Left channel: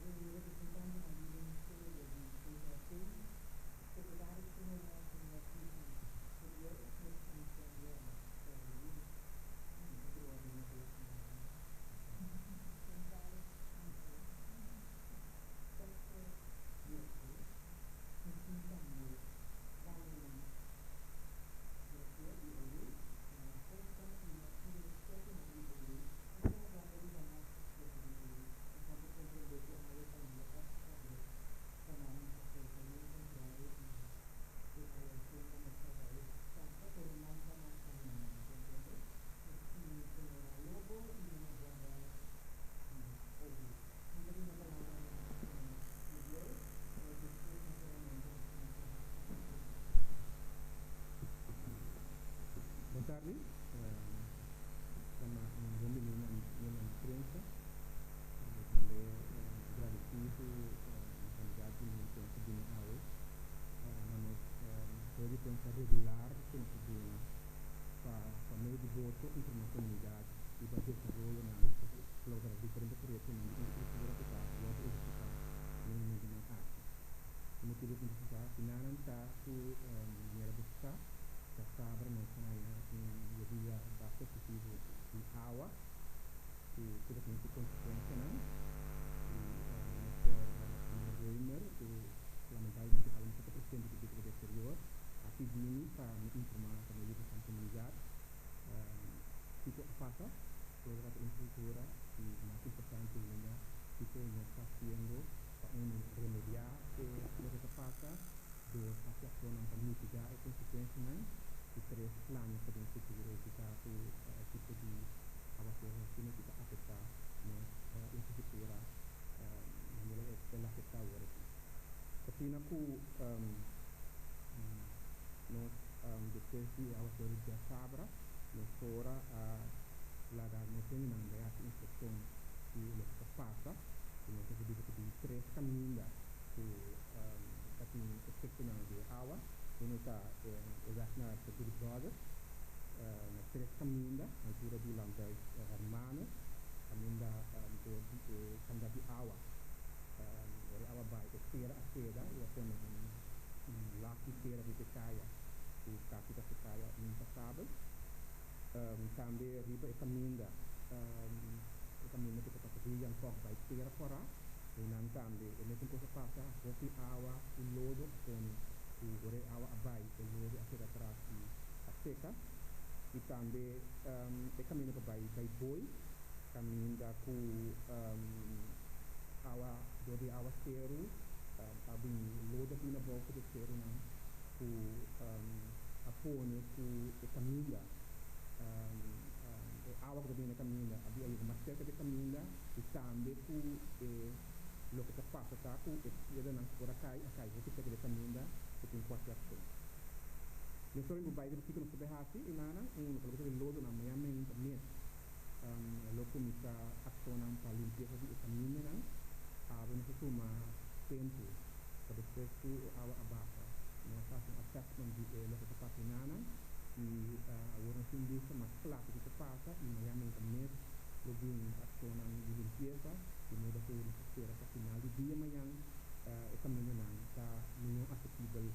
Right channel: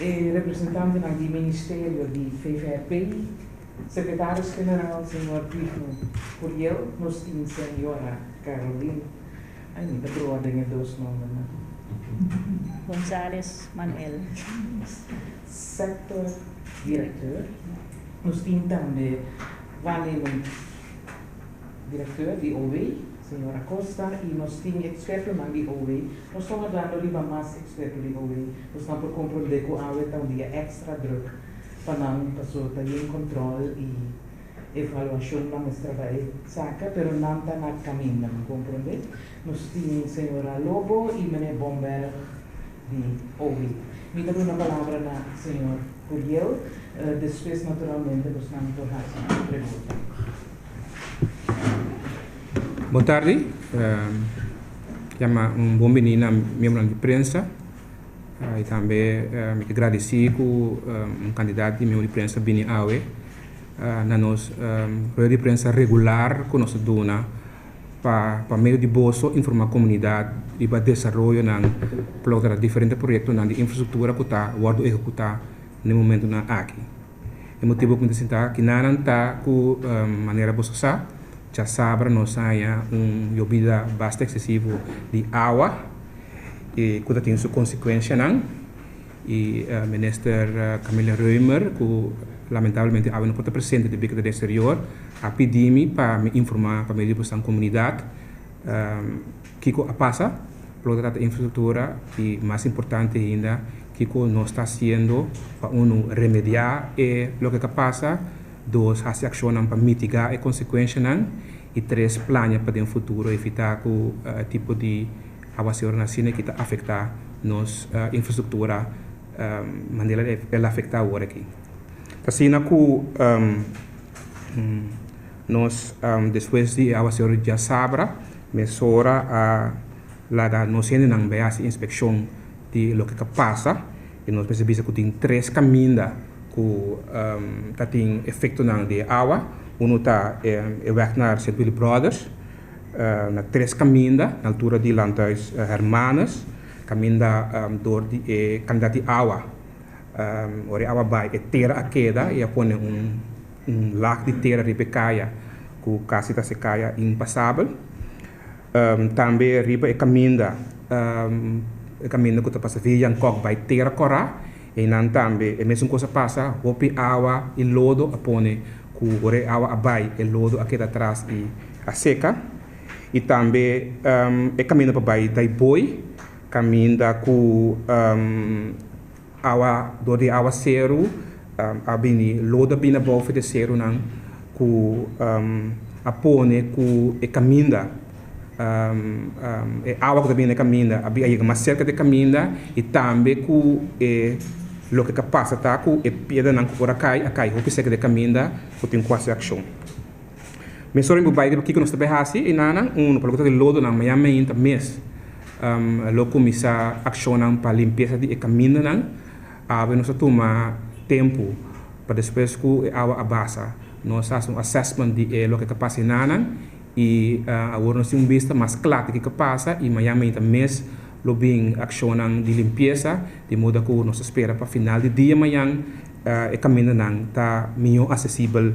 representante do Ministério de FVP, secretário-geral, senhor Pifno Curiel, nós temos a senhora Carolina, ainda por ordem de dois nomes. González Manuel. Sector diretor, nós temos também waarnemend diretor de OV, senhora Costa, e nós temos experto de OV. Nós estamos dando riba mais experto de OV. Nós estamos por compreender que a está um dia extra druk para não pessoa ter controle e avaliação da nossa trabalho saca, pero não está na caminho, não compreender. Nós temos senhora Lobo e meneer Bomber de OV. Me dá uma palavra na senhor Curiel, depois naturalmente nós vamos tornar a pergunta. Boa tarde, chamo bem-vindo membro de imprensa e também me agradeci com candidato de membro de imprensa Bini Awe na nossa roda de imprensa regular que nós dona para meio de bolso informar a comunidade e para desenvolver para diferentes projetos de infraestrutura que está sendo executado no momento aqui. O motivo que me sinta que não está com maneira boa já sabe nós há bebida bastante excessiva de água e que tem sua consequência e o ministro Camila Reumer que lamentavelmente não pode presente de bico do exterior a pedir-me para me informar para meio da comunidade que passa pela infraestrutura e mais importante ainda que nós está fazendo para remediar o que passa, dois as ações para mitigar as consequências e três planos para o futuro evitar que o tipo de avanço nacional que está afetar nossa infraestrutura maneira ela afetar agora aqui. Assim que nós depois de avanço já sabra mesura a lá nós ainda não vê a inspeção de lo que passa e nós percebemos que tem três caminhos que tem efeito de água. Está werk St. Willy Brothers, na três caminhos, na altura de Lantais Hermanas, caminho door de candidato de água. A água vai terra a queda e põe lago de terra de caia, que quase está se caia impassável. Também riba caminho que está passando via Jankok vai terra corra e não também a mesma coisa passa hopi água e lodo a põe que a água vai e lodo aqui atrás e a seca e também é caminho para vai daí boi caminho com água do de água zero a bini lodo bina bofe de zero não que a põe que é caminho água que também é caminho havia mais cerca de caminho e também que lo que passa tá com é pedra não por acai o que segue de caminho que tem quase ação mas só em bairro aqui que nós também assim e nana pelo de lodo na manhã ainda mês lo começa ação para limpeza de caminho não nós toma tempo para depois que a água abaixa nós fazemos assessment de lo que passa nana e agora nós temos vista mais clara que passa e manhã ainda mês lo bem ação de limpeza de modo que nós espera para final de dia amanhã o caminho não está melhor acessível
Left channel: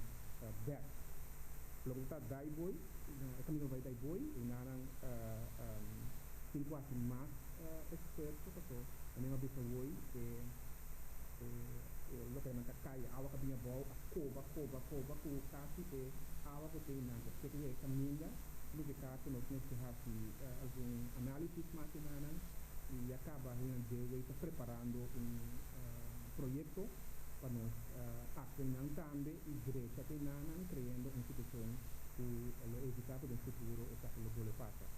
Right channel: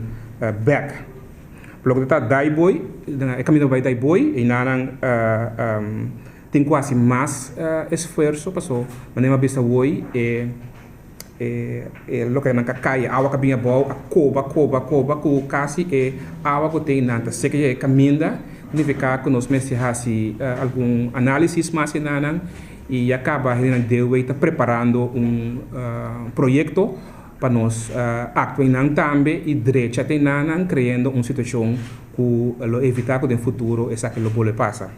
back. Pelo que está Daiboi, o caminho vai Daiboi e não tem quase mais esforço passou, mas não vista hoje lo que não cai água que vinha boa a coba que quase é água que tem nada seca é caminho significa que nós precisamos algum análise mais e acaba está preparando projeto para nós atuar também e direito tem criando uma situação que evitar que no futuro essa que lo pode passar.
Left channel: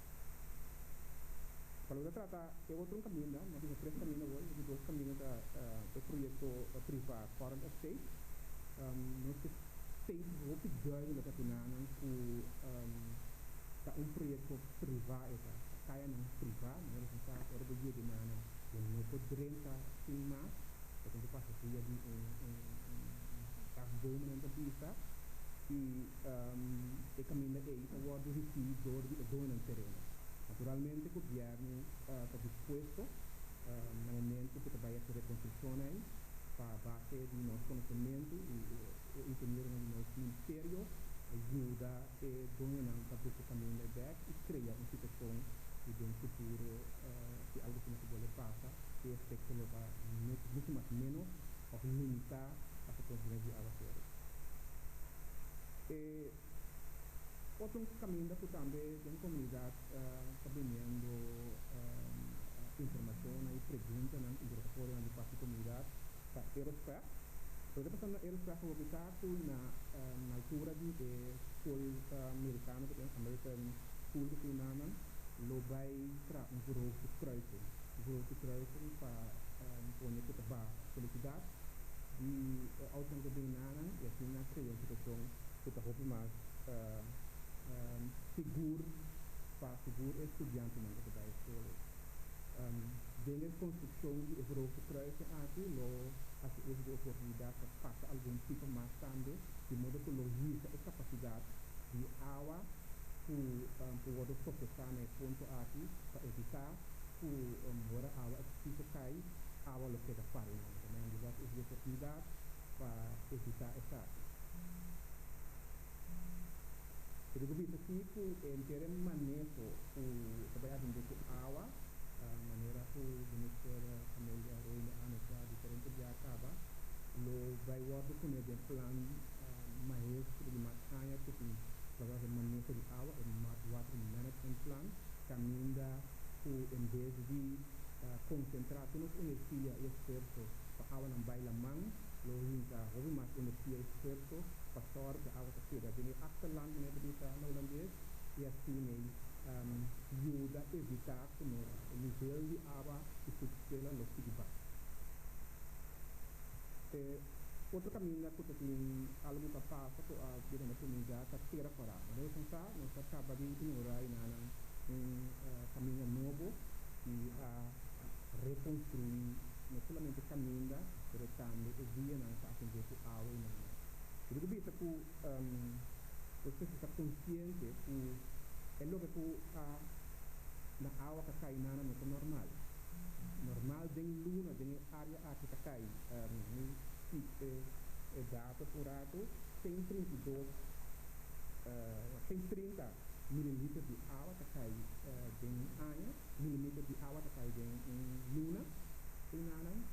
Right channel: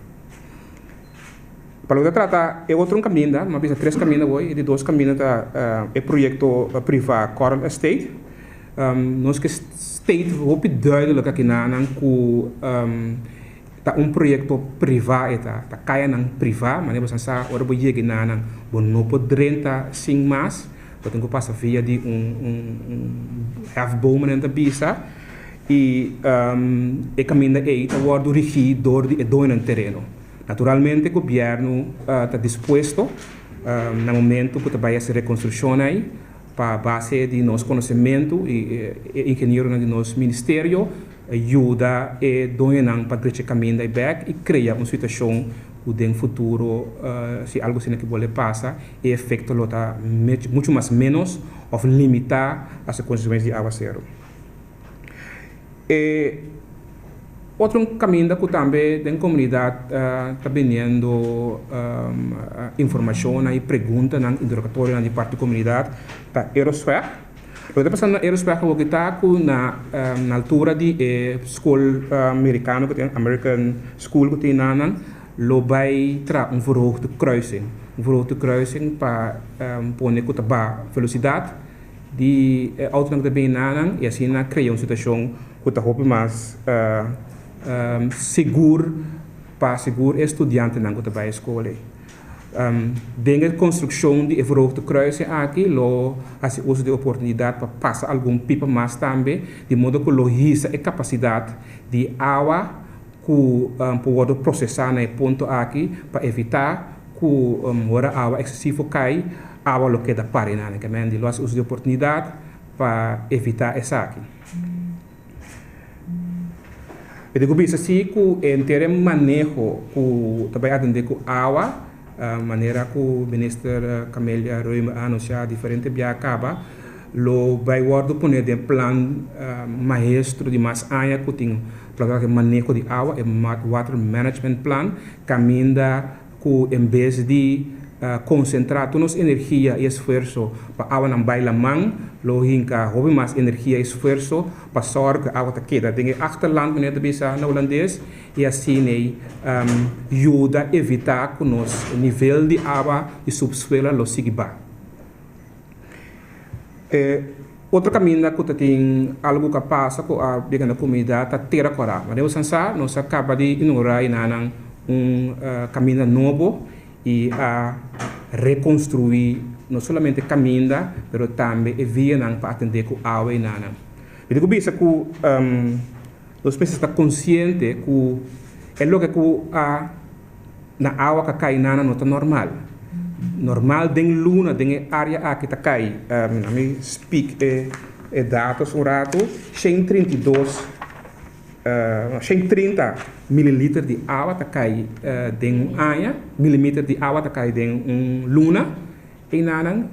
Para o que trata é outro caminho, mas bisa três caminhos hoje e de dois caminhos é projeto privado Coral Estate. Nós que state hope duidelijk que que tá projeto privado tá caia nang privado mas você sabe ora boie que nang não pode renta sim mais então que passa via de half bom na bisa e caminho aí tá guardo regido de dono terreno naturalmente o governo está disposto no momento que vai essa reconstrução aí, para base de nosso conhecimento e engenheiro de nosso ministério, ajuda e doenam para crescer caminho daí back e criar uma situação que no futuro, se algo assim que pode passar, e efeito lota muito mais menos ou limitar as consequências de água zero. Outro caminho que também da comunidade está vendendo informação e perguntas no interrogatório na parte da comunidade da Aerosfera. O que está passando na Aerosfera é que está na altura de escola americana, que tem American School que tem na lo vai tra verhoogde kruising. Verhoogde kruising para pôr que a velocidade de auto que bem nanang e assim cria uma situação que está mais seguro para seguro estudante não que vai à escola. Dengue construção de verhoogde kruising aqui lo assim uso de oportunidade para passar algum pipa mais também de modo que lo hisa a capacidade de água que pode processar no ponto aqui para evitar que a água excessiva cai, a água que da parina, que é de uso de oportunidade para evitar essa aqui. Eu digo isso assim que em termos de manejo que também atender com água, maneira que o ministro Camélia Roima anunciou diferente via acaba, lo vai guardo poner de plan maestro de mais área que tem para o manejo de água, é water management plan, caminha que em vez de concentrar toda nossa energia e esforço para a água não baila mão, lo hinca houve mais energia e esforço para sorte que a água queda. Tem achterland meneer de bisa na holandês e assim ajuda a evitar que o nosso nível de água e subsuelo lo siga baixo. Outro caminho que tem algo que passa com a pequena comunidade é ter a coragem. Mas nós acaba de inaugurar caminho novo e a reconstruir não somente caminho, mas também via para atender com a água e nana. Eu digo isso que nós precisamos estar conscientes que é o que na água que cai nana não está normal. Normal den luna den área aqui tá cai me speak dados o rato 132 130 mililitros de água tá cai den área milímetros de água tá cai den luna e nanang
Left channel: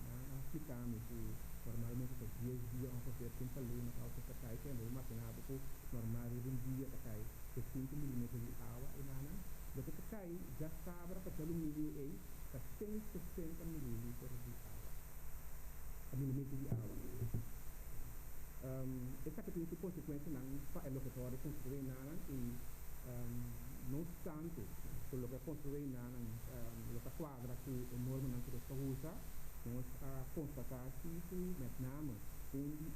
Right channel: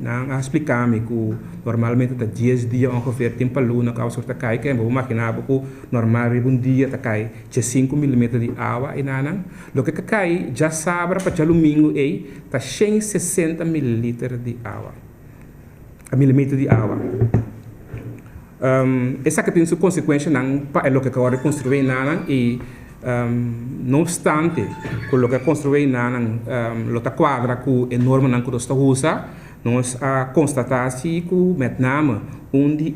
nang explicar me que normalmente tá 10 dias ongeveer tempo luna que a tá cai que vou imaginar que normal um dia tá cai 5 milímetros de água e nanang lo que cai já sabe para domingo aí tá 160 mililitros de água a milímetro de água essa que tem sua consequência não para o que agora construir nanang e não obstante o que construir nanang lo tá quadra que enorme não que está usa nós constatar que met name onde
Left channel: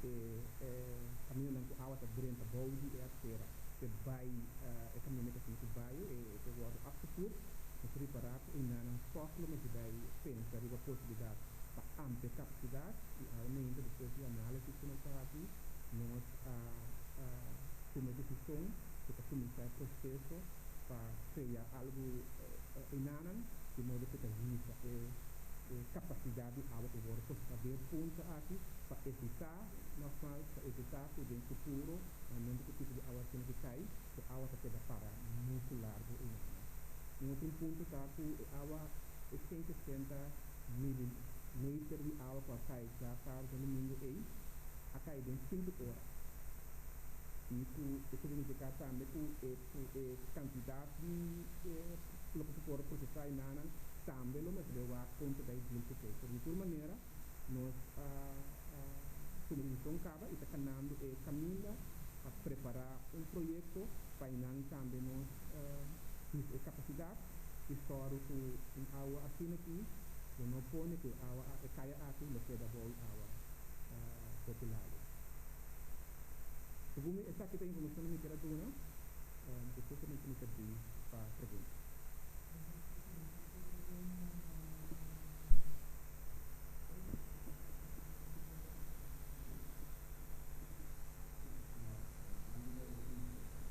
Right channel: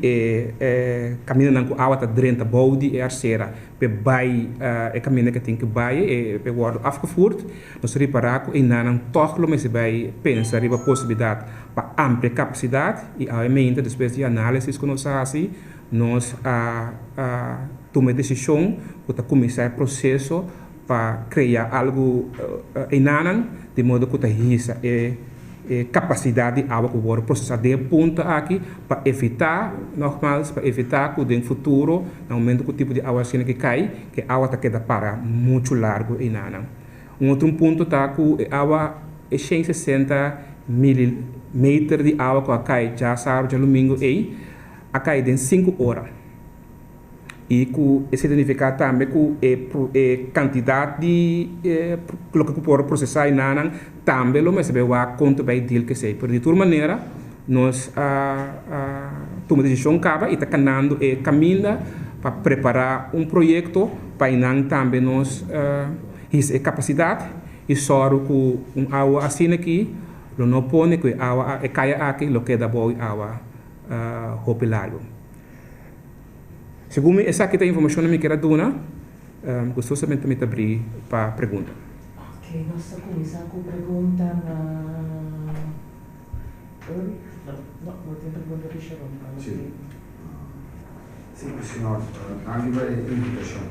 caminho não com água tá dentro da bode arcera pe vai caminho que tem que vai pe guardo afgevoerd nós reparar que não toch lo mas vai pensar riba possibilidade para ampla capacidade e aumenta depois de análise que nós assim nós toma decisão para começar o processo para criar algo enanan de modo que hisa capacidade de água que pode processar de ponta aqui para evitar normais para evitar que no futuro no momento que o tipo de água assim que cai que a água está queda para muito largo enanan outro ponto tá que a água é 160 milímetros de água que cai já sabe já domingo aí a cai em 5 horas e que esse significa também que quantidade de lo que pode processar enanan também lo mas vai conta vai deal que sei por de toda maneira nós toma decisão cava e está canando caminho para preparar projeto para enan também nós a capacidade e só que água assim aqui lo não põe que água cai aqui lo que dá boa água hopilago segundo essa aqui tem informação que me quero dar gostosamente me abrir para pergunta. Ok, nós estamos começando com pergunta na... Não tem pergunta de Sharon. Sim, senhor, a nível de invitação.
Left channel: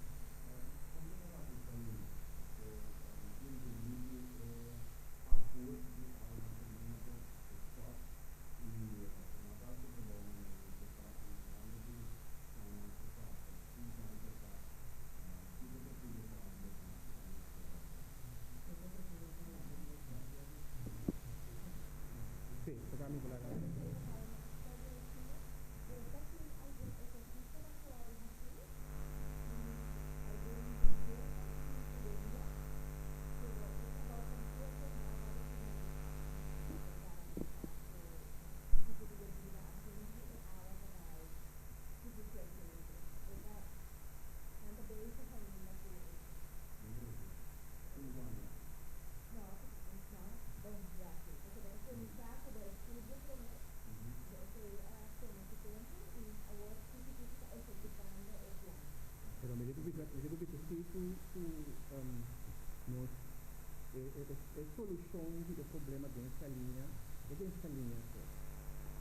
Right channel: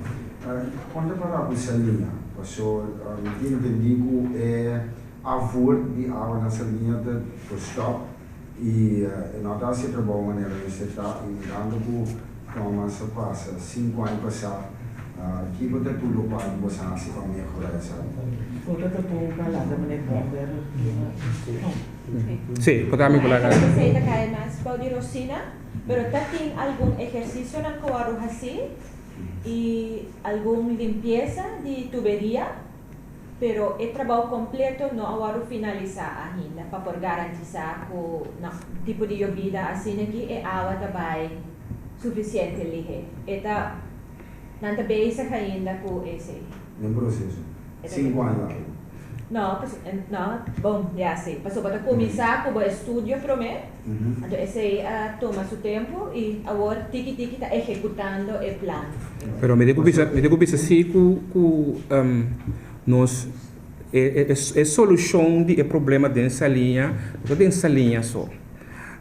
Quando para a Bussalina, passou, o que eu digo é avô de água nessa linha de stop e nós estamos a trabalhar de maneira está e dando que Thomas passa 5 anos passar que você tudo para você assim para melhorar essa. Outra que eu falar da maneira Sí, podemos falar. Você está caindo mais pode Rosina, pero tem algum exercício na coaro assim e alguma limpeza de tuberia, pero o trabalho completo não agora finalizar ainda para por garantizar o tipo de bebida assim aqui é água também suficiente ali. Eta não também se ainda com esse. No processo. 5 anos. Não, bom, já sei. Passou para começar com o estúdio primeiro. Então, esse toma seu tempo e agora tiki está executando o plano. Pero me digo assim que nós é solução de problema dessa linha, dessa linha só.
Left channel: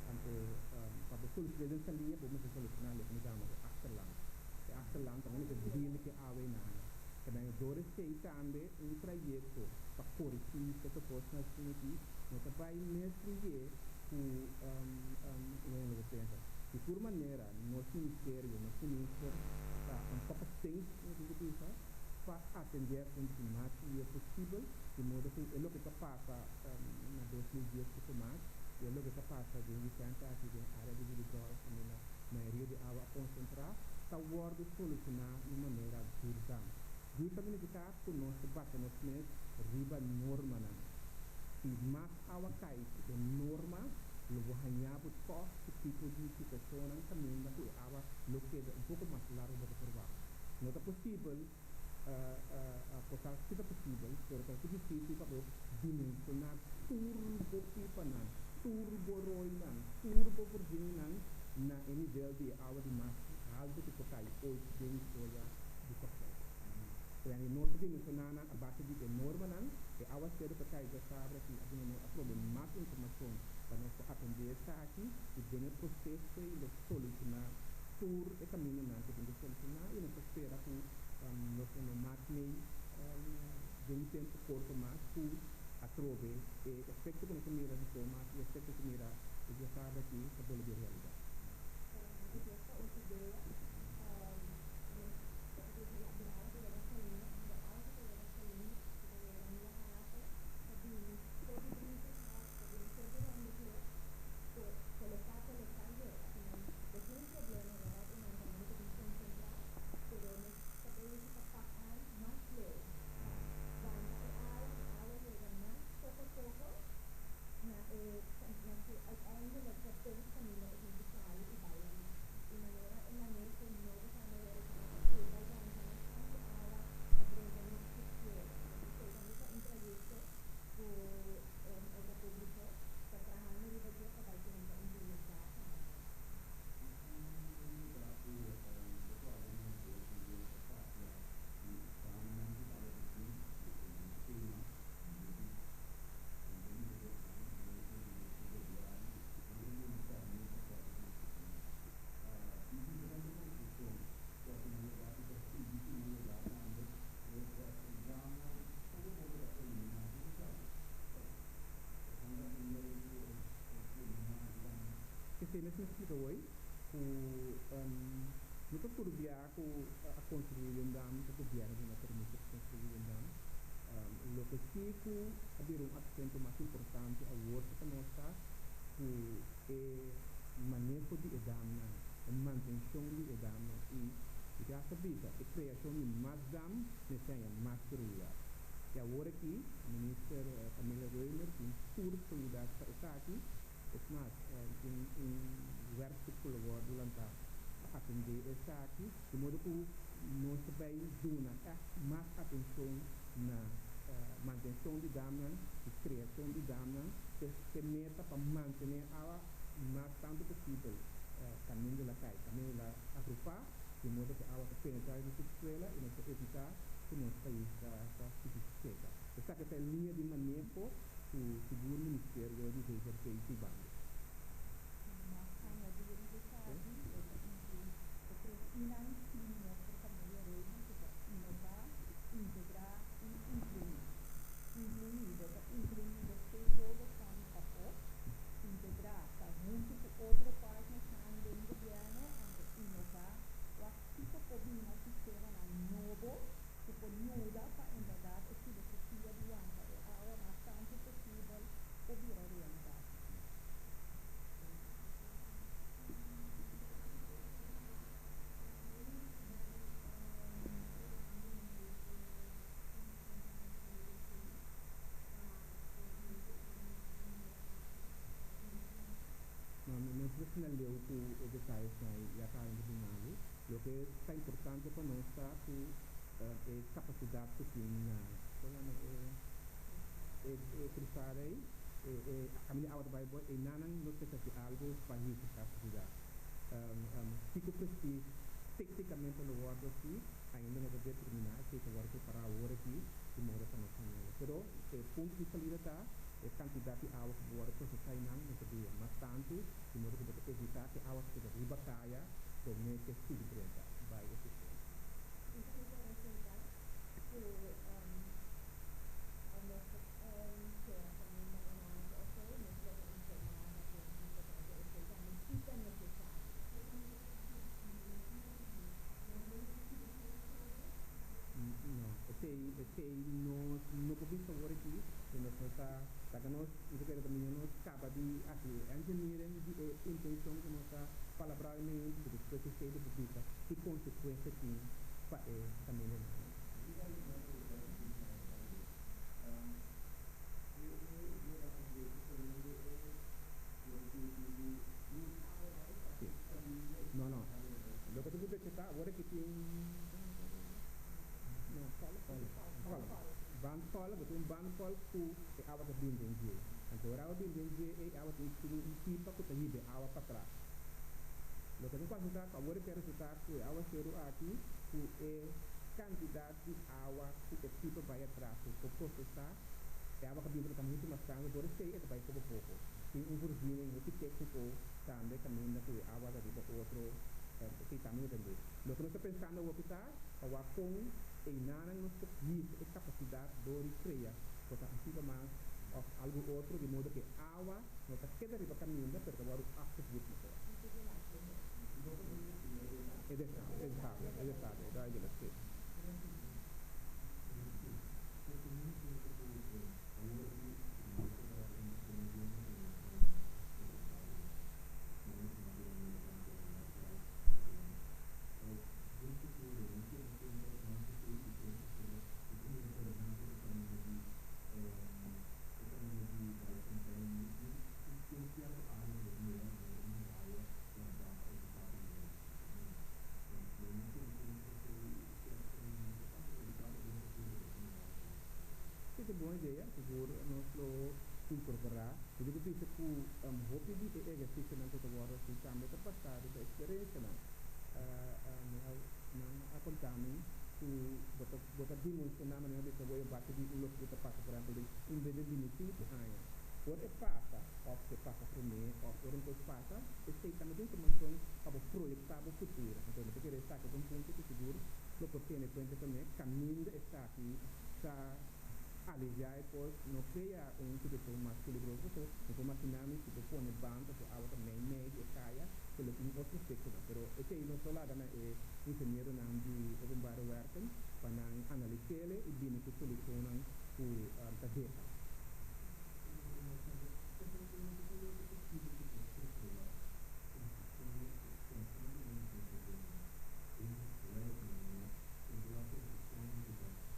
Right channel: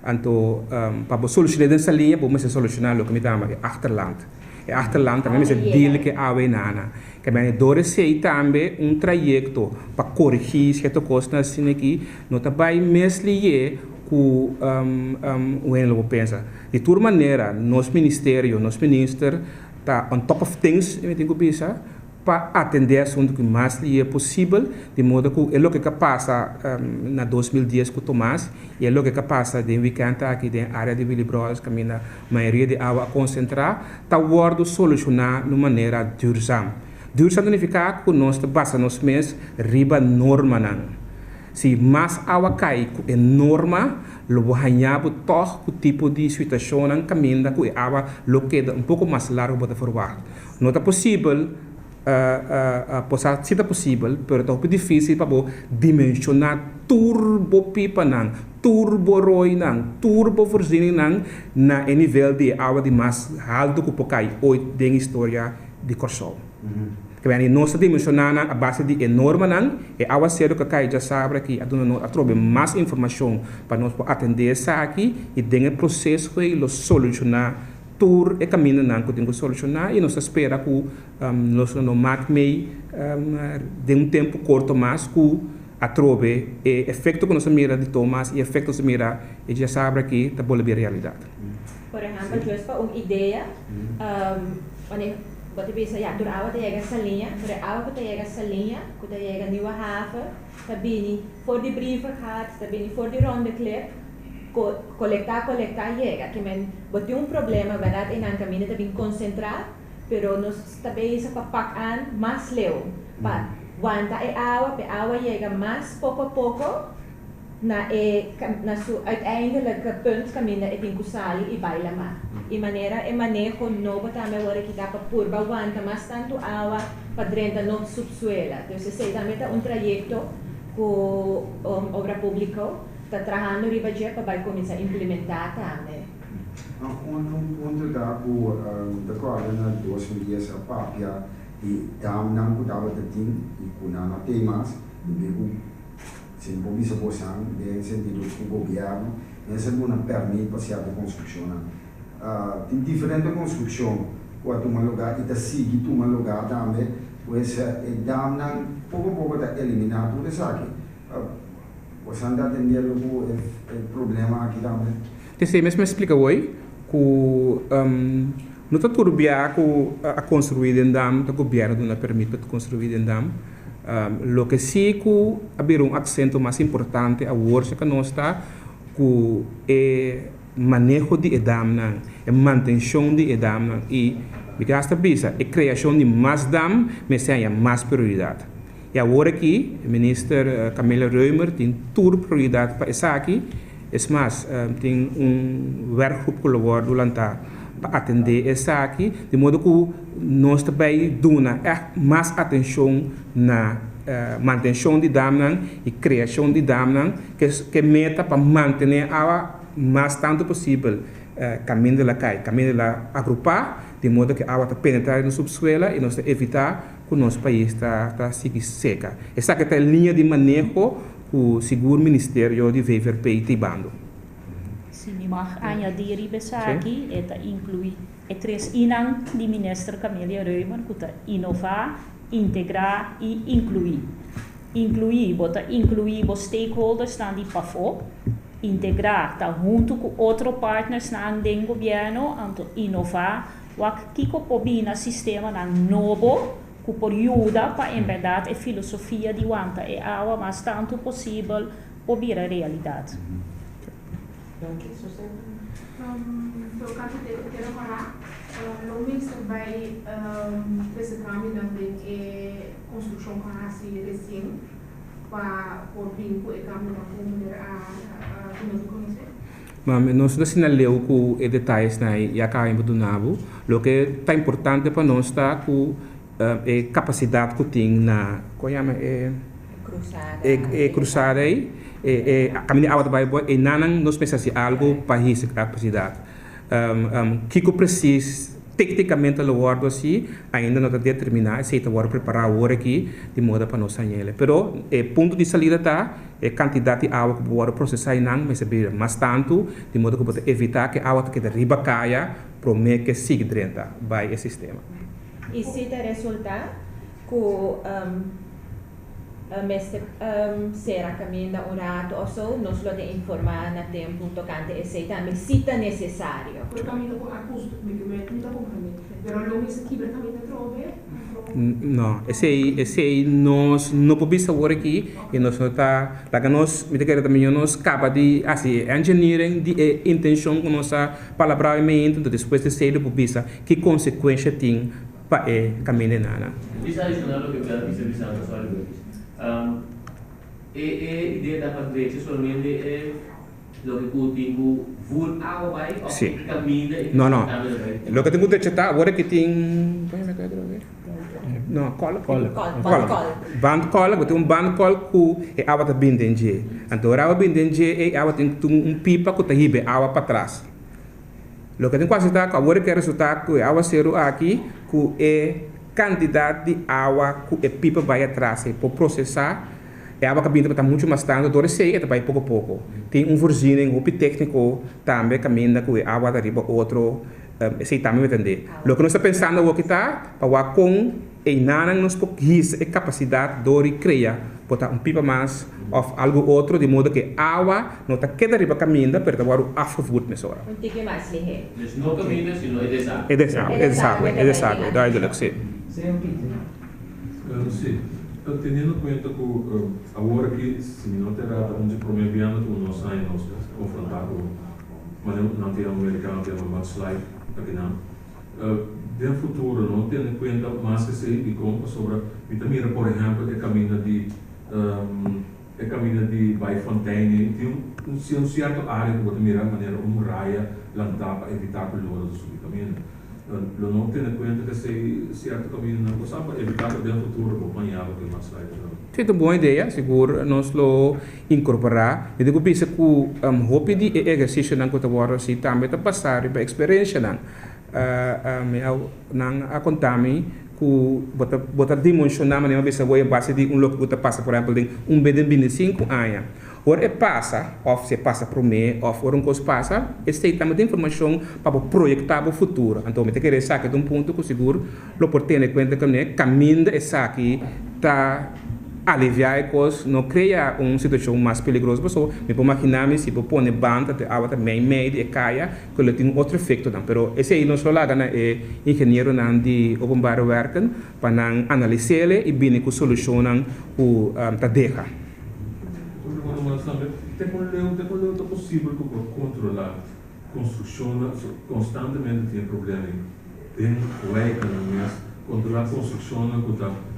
Então, para solucionar dessa linha, vamos solucionar o que me chama de achterland. E achterland também é dele que a nana. Que bem, dore sei também trajeto para corrigir certa coisa assim aqui, não tá bem mesmo com o que pensa. De toda maneira, nosso ministério está on top of things, eu tenho que pensar, para atender a assunto que mais é possível, de modo que é o que passa na 2010 com o Tomás, e é o que passa de weekend aqui na área de Willy Bros, que a maioria de água concentrar, está guardando solucionar de maneira durzam. Durzam significa que nós basta nos mês riba norma não. Se mais água cai com norma, lo banhado toch o tipo de situação não caminha com a água lo queda pouco mais largo para forward. Não é possível se é possível, mas é muito difícil para dimensionar turbo pipa não, turbo roi não, turbo voorziening não na nível de água de mais alto que pode cair hoje na história de Corsol. Que bem, nós dimensionando a base de enorme não, e água cedo que cai já sabe que a trobe mais informação para nós atender essa aqui e tem o processo que lo solucionar tur e caminho não que tem que solucionar e nós espera que nós não mate de tempo curto mais que a trobe e efeito que nós mira de Thomas e efeito que nós mira e já sabe que está boa a realidade. Por exemplo, eu estou uma ideia, você pensa, já, door água chega essa linha, door água que chega essa linha, que chega nieuwe haven, está bem voor die brieven gaat, está bem voor die ronde clip, colectar, chega, que men, bote problema, verdade, em caminho está bem concentrado, pero nós também isso para pagar mais leu, para aguentar a água chega mais pouco a pouco, na sua uiteindelijke punt caminho é tem que sair e baila mais. E maneira manejo novo também agora que dá para pôr aguenta mais tanto água para dentro no subsuelo. Então se também está trajeto com obra pública está trabalhando riba para vai começar a implementar também. Onde dá o da coordenador na 2010 a papia e dam não que dava de tim e com na temas sem compromisso possam de sentido com o governo essa não permite passear de construção. Tem diferente construção quando uma lugar e da seguir uma lugar também pois dá não pouco da eliminar tudo isso aqui. Você anda atendendo o problema aqui também. Você mesmo explica hoje que não está tudo bem a construir em dam, o governo não permite construir em dam. Lo que sí que haver acento mais importante a hoje que nós está que é manejo de dam, é manutenção de dam e me gasta bisa é criação de mais dam, mas é mais prioridade. E agora aqui, o ministro Camila Reumer tem toda prioridade para isso aqui. É mais, tem werkgroep colaborado durante para atender essa aqui, de modo que nós também damos mais atenção na manutenção de dam e criação de dam, que meta para manter a mais tanto possível caminho de la cai, caminho de la agrupar, de modo que a água está penetrar no subsuelo e nós evitar que o nosso país está seca. Essa que é a linha de manejo que o seguro Ministério de VVP está bando. Se me mag añadir aqui, esta inclui três inang de ministro Camila Reumer, que inovar, integrar e incluir. incluir os stakeholders na di PAFO, integrar tá junto com outros partners na andem governo, anto inovar, wak kiko pobina sistema na novo, que por ajuda para em verdade a filosofia de wanta e awa mas tanto possível pobir a realidade. Pelo caso de ter falar, não me vai desse caminho também é construção com a recém para por vínculo e caminho para mulher a conhecer. Mas nós não sinaleu com os detalhes na e a cá em Budunabo, o que está importante para nós está com a capacidade que tem na cruzada aí a caminho out by boy e nanang nós pensamos algo para essa capacidade que precisa tecnicamente o guardo assim ainda não está determinado se está agora preparar agora aqui de modo para nós anhele pero ponto de saída está quantidade de água que pode processar não mas tanto de modo que pode evitar que a água que riba caia para que siga dentro vai esse sistema. E se te resulta que será caminho um rato ou so, nós lo de informar na tempo tocante esse também se está necessário. Por caminho com a custo, não está comprometo. Pero lo mismo que caminho trove. Não, esse aí nós não podemos agora aqui e nós não está, lá que nós, me diga também nós capa de assim engineering de intenção com nossa palavramento, então depois de ser podemos que consequência tem para caminho nada. Isso é adicional que eu quero dizer só ideia da patente somente é lo que o tempo vul água vai ou caminha não lo que tem que detectar agora que tem não cola band cola tem band cola que é água da bindenge então a água bindenge é água tem pipa que tá ribe água para trás lo que tem quase tá agora que resultado que água zero aqui que é quantidade de água que a pipa vai atrás para processar a água que está muito mais tanto do que vai pouco a pouco tem voorziening op técnico também caminha que a água arriba outro esse também vai entender o que nós está pensando é que está para com e nada nos pode a capacidade de criar botar pipa mais ou algo outro de modo que a água não está queda arriba caminha para agora o afgevoerd met zora. Um tique mais ligeiro. Dus não caminha, sino é desagüe, duidelijk sim. Sim, tendo em conta que agora que se não terá onde promovendo o nosso ano nós confrontar com mas não tem americano tem uma slide aqui não no futuro não tendo em conta mais que se e como sobre vitamina por exemplo é caminho de Baifontein tem um certo área que pode mirar maneira raia lançar para evitar que o lodo do vitamina não tendo em conta que esse certo caminho não possa evitar que no futuro acompanhar o que mais vai é uma boa ideia, seguro nós lo incorporar. Eu digo pensa que hope de exercício não que agora se também está passar para experiência não a contar-me que bota dimensionar maneira pensa boa base de local que passa por exemplo de bem 5 anos. Ora passa, ou se passa para o mês, ou coisa passa, esse também tem informação para projetar o futuro. Então, me tem que saber de ponto que seguro, lo por ter em conta que caminho essa aqui está aliviar a coisa, não cria uma situação mais perigosa. Pessoal, me pode imaginar se eu pôr banda de água também meio e caia, que ele tem outro efeito não. Pero esse aí não só lá é engenheiro não de openbare werken para não analisar e bem que solucionam o tarefa. Tem possível controlar construção constantemente tem problema tem lei controlar a construção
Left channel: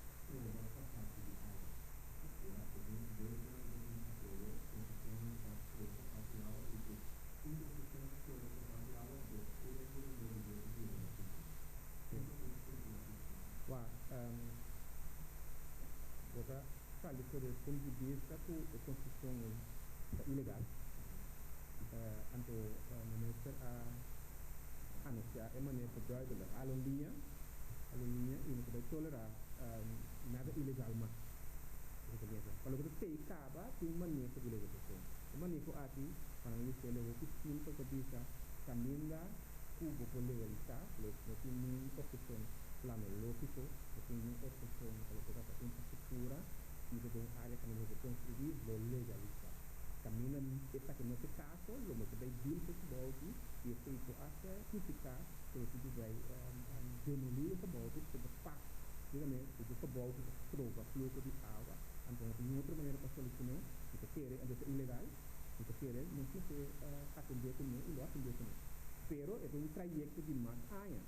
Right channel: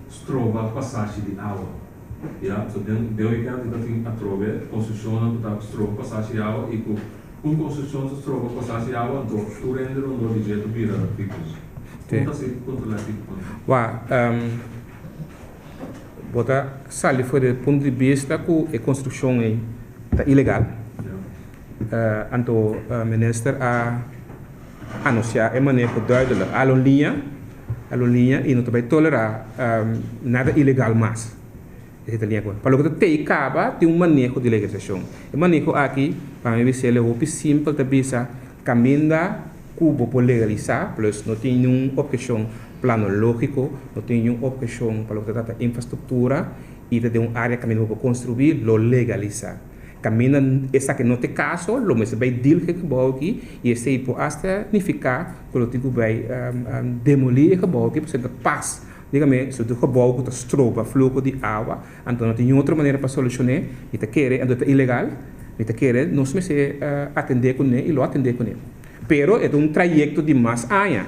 que trova passagem de água so deu que tem a trova construção que trova passagem de água e com construção que trova passagem de água então tu rende não de jeito vira como se controlar tipo botar sali foi do ponto de vista que a construção é ilegal. Então, o ministro a anunciar a maneira duidelijk a linha e não vai tolerar nada ilegal mais. Para o que tem acaba tem manejo de legislação. O manejo aqui para mim ser o simples de bisa caminha cubo por legalizar, plus não tem nenhuma objeção plano lógico, não tem nenhuma objeção para o que trata infraestrutura e tem uma área que para construir, lo legaliza. Camina essa que não tem caso, lo mesmo vai deal que gebouw aqui e esse aí pode até significar que o tipo vai demolir o gebouw aqui, porque paz. Digamos, se o gebouw que está stroba, fluxo de água, então não tem outra maneira para solucionar, e te querer, então é ilegal, e te querer, não se me atender com ele e lo atender com ele. Pero é um trajeto de mais anos.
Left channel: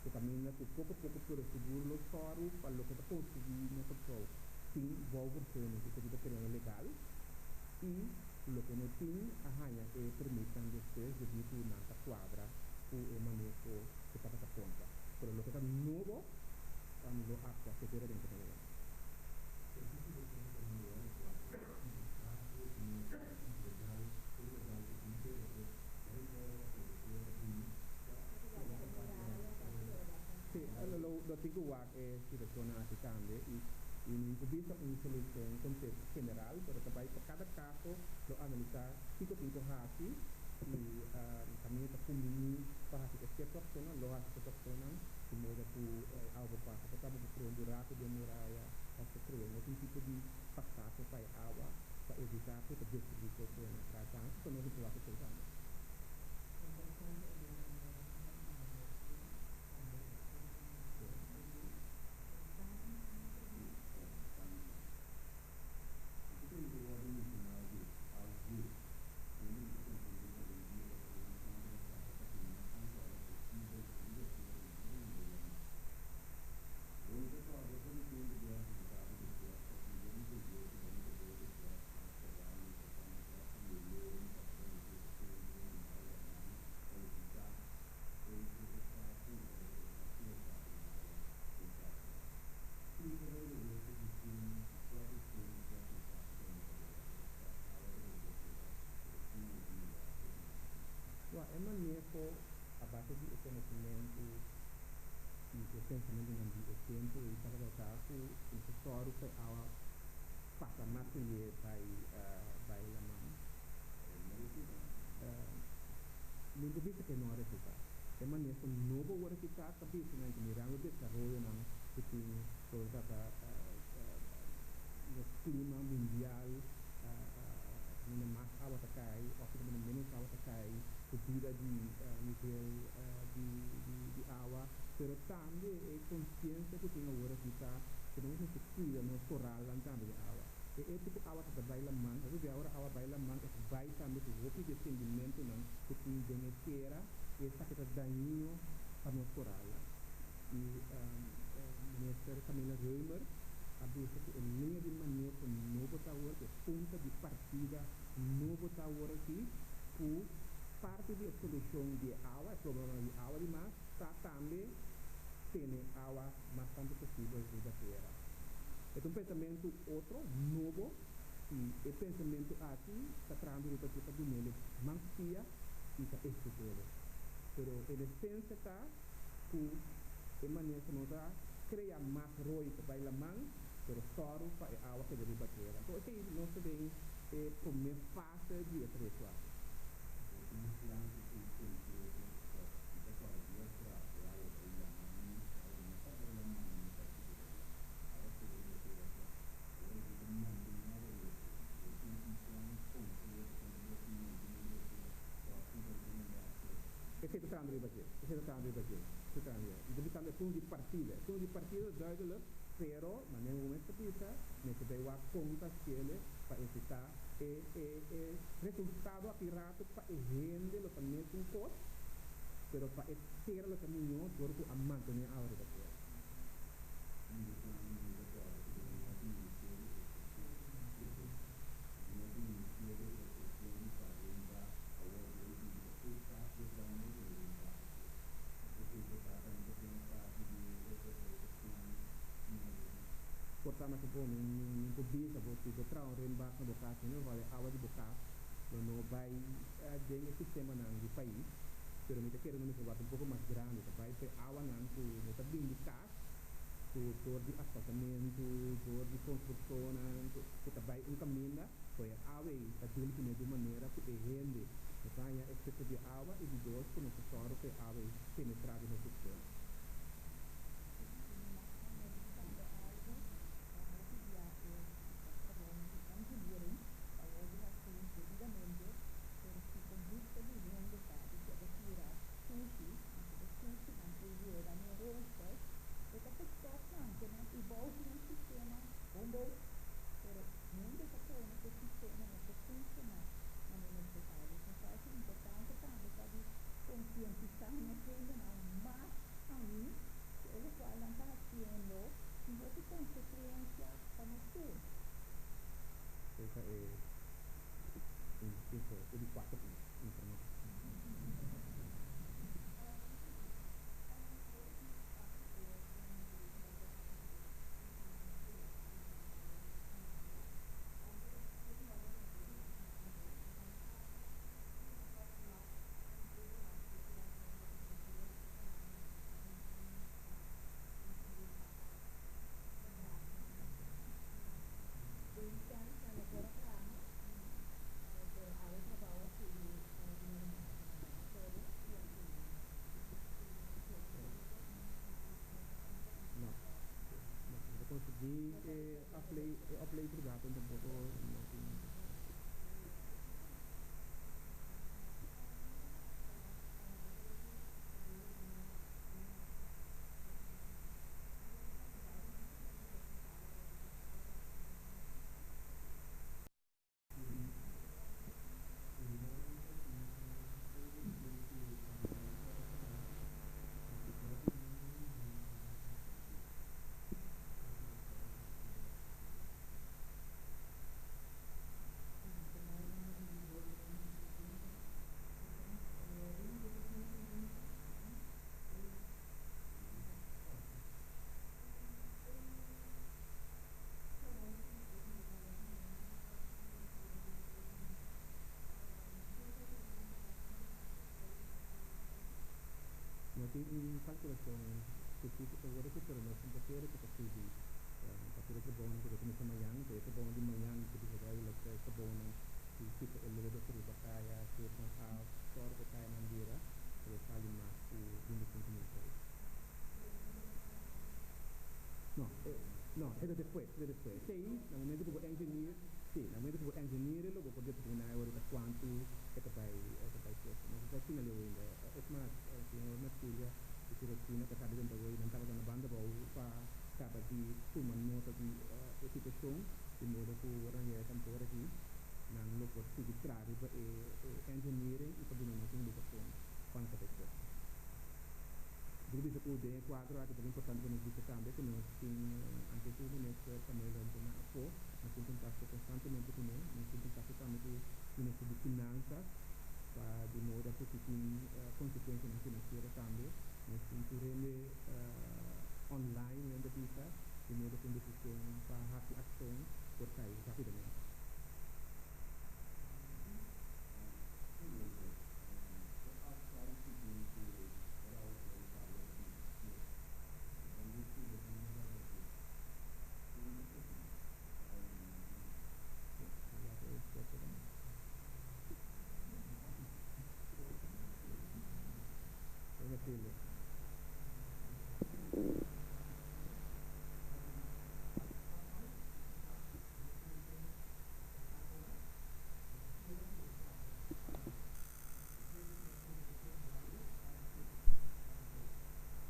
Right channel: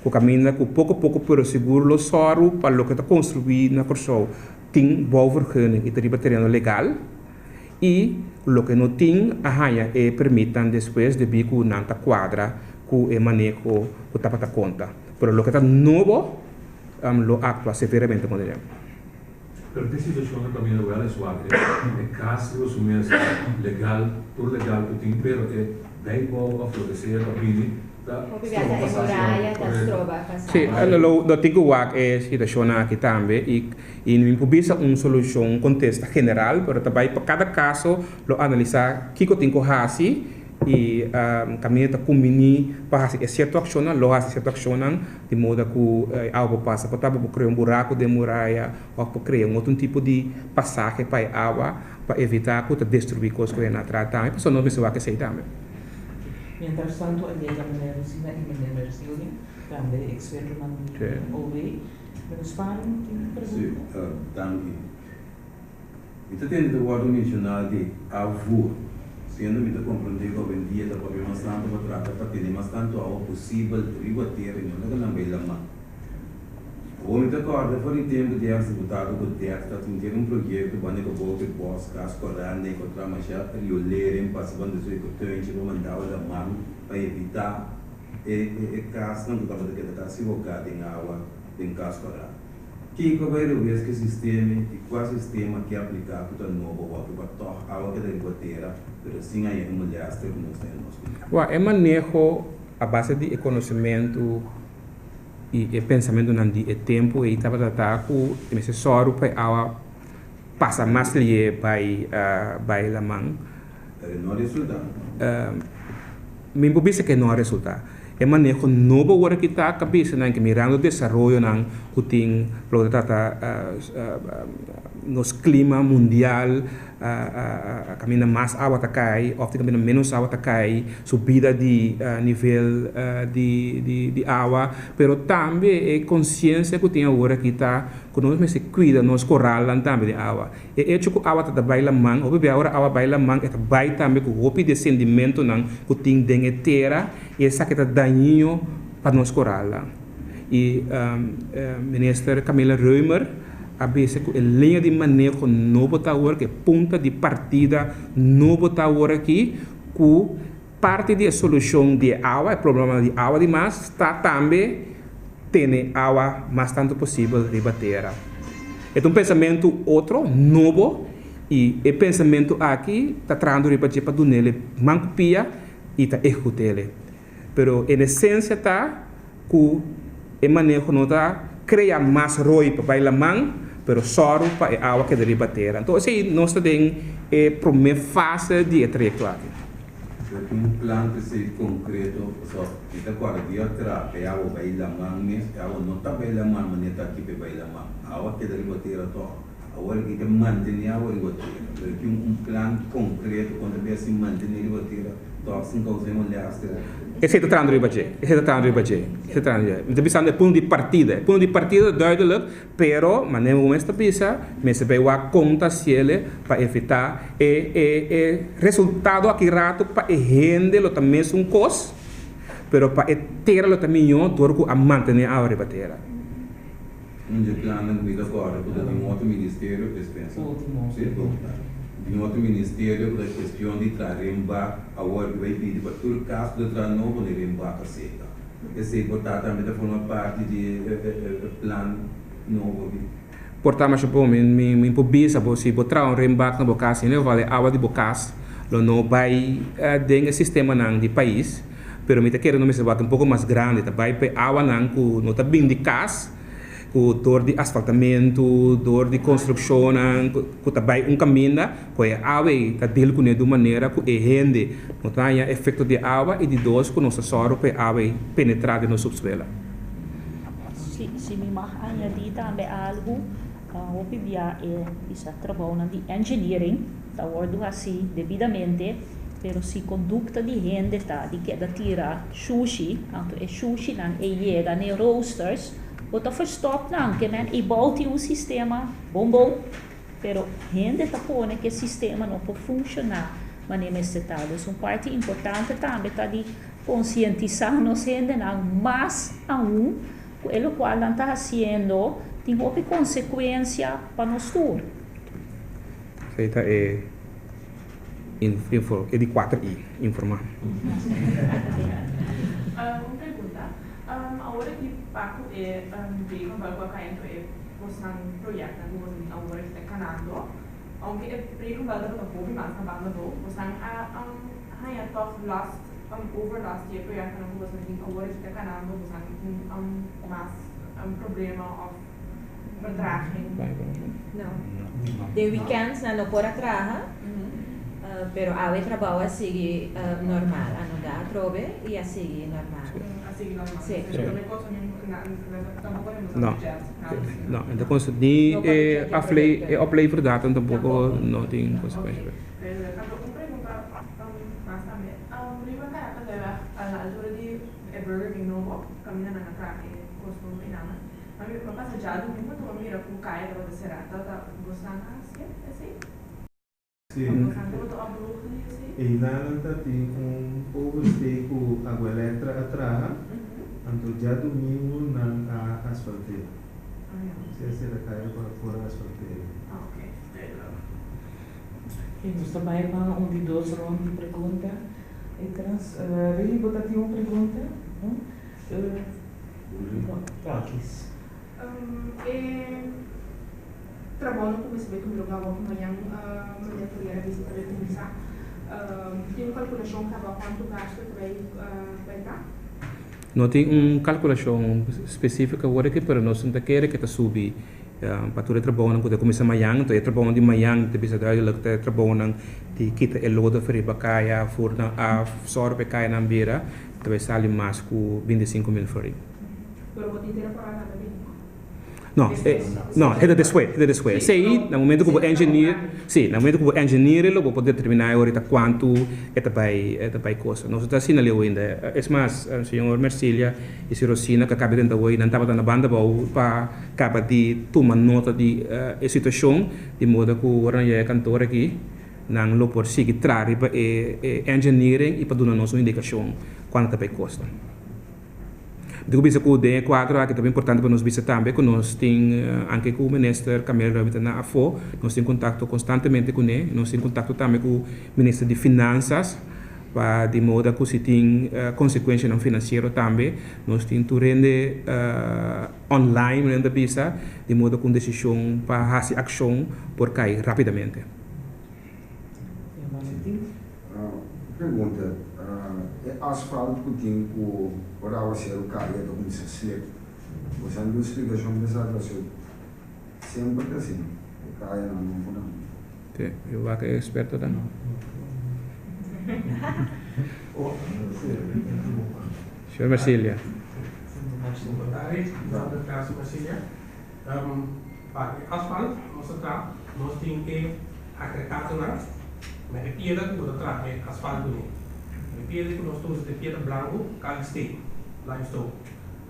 Que camina com pouco a pouco para seguro o soro para o que está construído na Corsol. Tem boa vergunning e tem terreno legal. E o que não tem, é permitam depois de vir com nanta quadra, com o manejo, com o tapa conta. Pero o que está novo, lo actua severamente com ele. Pero tem situação que também não é suave. É caso assumir legal, por legal que tem, pero é bem bom a florescer a bini. Sì, allora lo dico è situazione che também e non pubblica una soluzione, un contesto generale, però também per cada caso lo analizzare chi tinko hasi e cammina combini para hasi certa azione, lo hasi certa azione di modo che algo passa, potrebbe creare un buraco de muralla o per creare un altro tipo di passaggio per acqua per evitare che destruir cose che non trattano, perché non mi sa che sei também. Mientras tanto, llega meneer Rosina y meneer Mercioni, también experto en OV. ¿Menos pan? Sí, danke. Eu tenho o órgão mencionado de avô, sendo que eu compreendi que hoje em dia está podendo bastante para tratar para ter bastante algo possível de ribater e não é bem lá. Hoje eu acordo por tempo de executado com o teatro, tem um projeto que vai que vou que posso cascorar nem contra mas já eu ler em passando isso que eu tenho mandar a mão para evitar e caso não estava que está se voltar em água em cascorar. Que vai ver que sistema e qual sistema que aplicar para o novo volta para tornar água que deve bater, mas sim aí é mulher que nós temos. É manejo a base de conhecimento e pensamento não de tempo e estava tratando com esse soro para a passa mais lhe vai la mão não resulta me pubisa que não resulta é manejo novo agora que está a cabeça não que mirando o desenvolvimento não que tem para tratar nos clima mundial caminha mais água tá cai, ou caminha menos água tá cai, subida de nível de água, pero também é consciência que tem agora que tá que nós se cuida nós corralam também de água. E é que a água tá baila man, ou bem agora a água baila man, é vai também com o descendimento não que tem dentro terra e essa que tá daninho para nós corralam. E ministra Camila Reumer a veces a linha de manejo novo está agora, que é ponta de partida novo está agora aqui, que parte da solução de água, o problema de água demais, está também ter água mais tanto possível de bater. É um pensamento outro, novo, e o pensamento aqui está trazendo para do nele mancopia e está executando. Pero em essência está que o manejo não está criar mais roi para bailar mão, pero só para a água que deve bater. Então, assim, nós temos a primeira fase de trajeto aqui. Tem um plano que seja concreto, só que agora dia atrás, a água vai lá mais, a água não está bem lá mais, mas está aqui vai lá mais. A água que deve bater agora que mantém a água bater. Tem um plano concreto quando deve se manter a bater, então assim que você olhar Esse é o trânsito de budget. Esse é o trânsito de budget. Esse é o trânsito. Então, pensando no ponto de partida. Ponto de partida duidelijk, pero, mas nem o mesmo pensa, mas vai a conta se ele para evitar o resultado aqui rato para render lo também um custo, pero para ter lo também torco a manter a área bater. plano de agora, porque tem outro ministério que pensa. Tem outro ministério da questão de traremba, agora que vai pedir para todo caso de trazer novo de remba para seca. Esse portanto também forma parte do plano novo. Portanto, mas bom, me pobisa, se botar um remba na boca assim, né, vale água de bocas, não vai dentro do sistema não de país, pero me tá querendo me se um pouco mais grande, tá vai para água não que não tá bem de casa. Com dor de asfaltamento, dor de construção, com também caminho, com a água está dele com de maneira que rende, não tem efeito de água e de dois com nossa soro para a água penetrar no subsolo. Se me añadir também algo, o PBA está trabalhando de engineering, está ordo assim devidamente, pero se conducta de gente está de que da tira sushi, anto é sushi não é chega nem roasters, o tá verstop não que men e bolte o sistema bom, pero gente está pondo que o sistema não pode funcionar, mas nem este tal, é parte importante também tá de conscientizar nos gente não, mas aún o qual não está fazendo tem uma consequência para nós todos. Feita é de 4I, informar. Uma pergunta. Agora que Paco veio com o caimento é mostrar um projeto na agora que está canando, aunque é veio com o povo mais na banda do, mostrar a toch last over last year projeto na rua assim agora que está canando, mostrar mais problema of vertraging. Não. De weekends não pode trabalhar. Pero ave trabalho a seguir normal, a não dar trove e a seguir normal. Sim. Não, então de a play por data tampouco não tem consequência. Burger King novo, caminhando na praia, gostou do final. Mas eu passo já do mundo como mira com caia da serata, tá gostando assim? Sim. E lá tem pouco tempo a letra atrás, então já domingo na asfalteira. Se será cair para fora asfalteira. Ok. E nós também vamos de 2 rondas de pergunta. Ele botar aqui uma pergunta. Prakis. Trabalho com esse veículo de lugar amanhã poderia visitar e começar. Tem uma calculação que estava quanto gasto vai dar? Não tem calculação específica agora que para nós não quer que está subir para todo trabalho quando começa amanhã, então trabalho de manhã, te bisa daí lá que trabalho de kita eloda feriba kaya furna a sorbe kaya na beira, vai sair mais com 25.000 feri. Não, é desse way. Sei, no momento que o engenheiro, ele vai poder determinar ahorita quanto vai custar. Nós estamos assim ali ainda. É mais, o senhor Mercília e a Rosina que acaba de entrar hoje, não estava na banda para acabar de tomar nota de situação, de modo que o Oranje cantor aqui, não por seguir trare para engineering e para dar nos uma indicação quanto vai custar. Digo bisa ku de quadro que também importante para nós bisa também que nós tem anche com o ministro Camilo Ramita na AFO, nós tem contato constantemente com ele, nós tem contato também com o ministro de Finanças para de modo que se tem consequência não financeiro também, nós tem tu rende online rende bisa de modo com decisão para fazer ação por cair rapidamente. Pergunta, asfalto que tem o oral a ser o caia do começo slip. Você não explicação dessa situação. Sempre assim, o caia não pode. Eu vou que é experto também. Senhor Marcília. Asfalto, nós temos que agregar mas é piedra que nós traz é asfalto. É piedra que nós temos é piedra branco, limestone.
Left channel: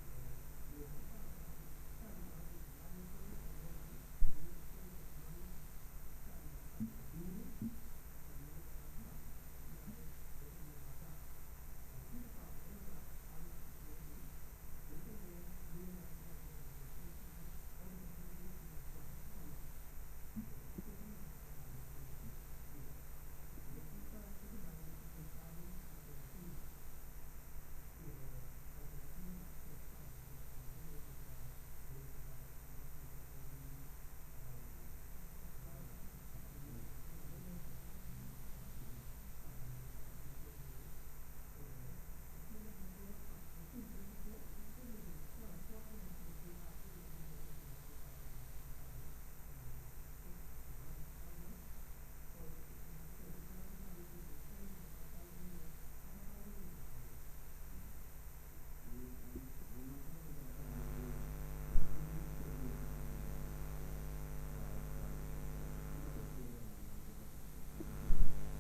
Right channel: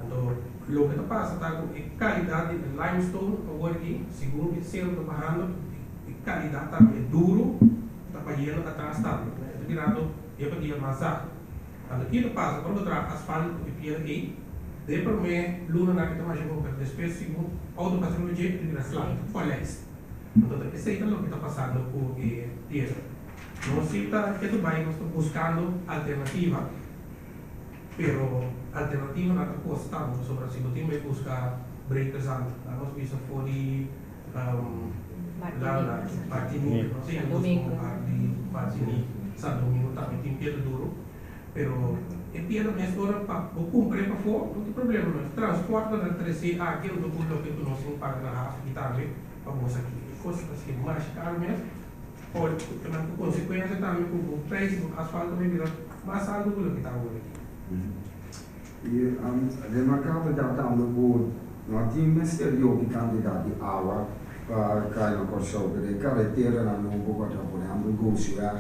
Então, o que passa está com a qualidade de limestone agora aqui, segundo o selo do barrando, a qualidade está é duro, está para ir atrás também. É virado é para ir mais alto. Então, aqui no passa quando traz asfalto e piedra aqui, depois me luna na que mais chegou para depois segundo outro patrão de jeito de asfalto, polés. Então, esse aí é o que está passando com a piedra. Nós estamos buscando alternativa, pero alternativa não está custando, sobre assim, não temos que buscar breakers antes. Nós vimos for de Martinique, não sei, Martinique, Santo Domingo também tem piedra duro, pero é piedra mesmo para cumprir para fora, não tem problema, não. Transporte da 3C aquilo do pulo que nós temos para a e também para mostrar aqui, coisas assim mais caro mesmo. Por consequência também com o preço do asfalto vai virar mais alto do que está hoje. E remarcável da por nós tínhamos exterior que candidato de água para cá na Corsão, de carretera na Novo Guarda, por exemplo, Gousiar,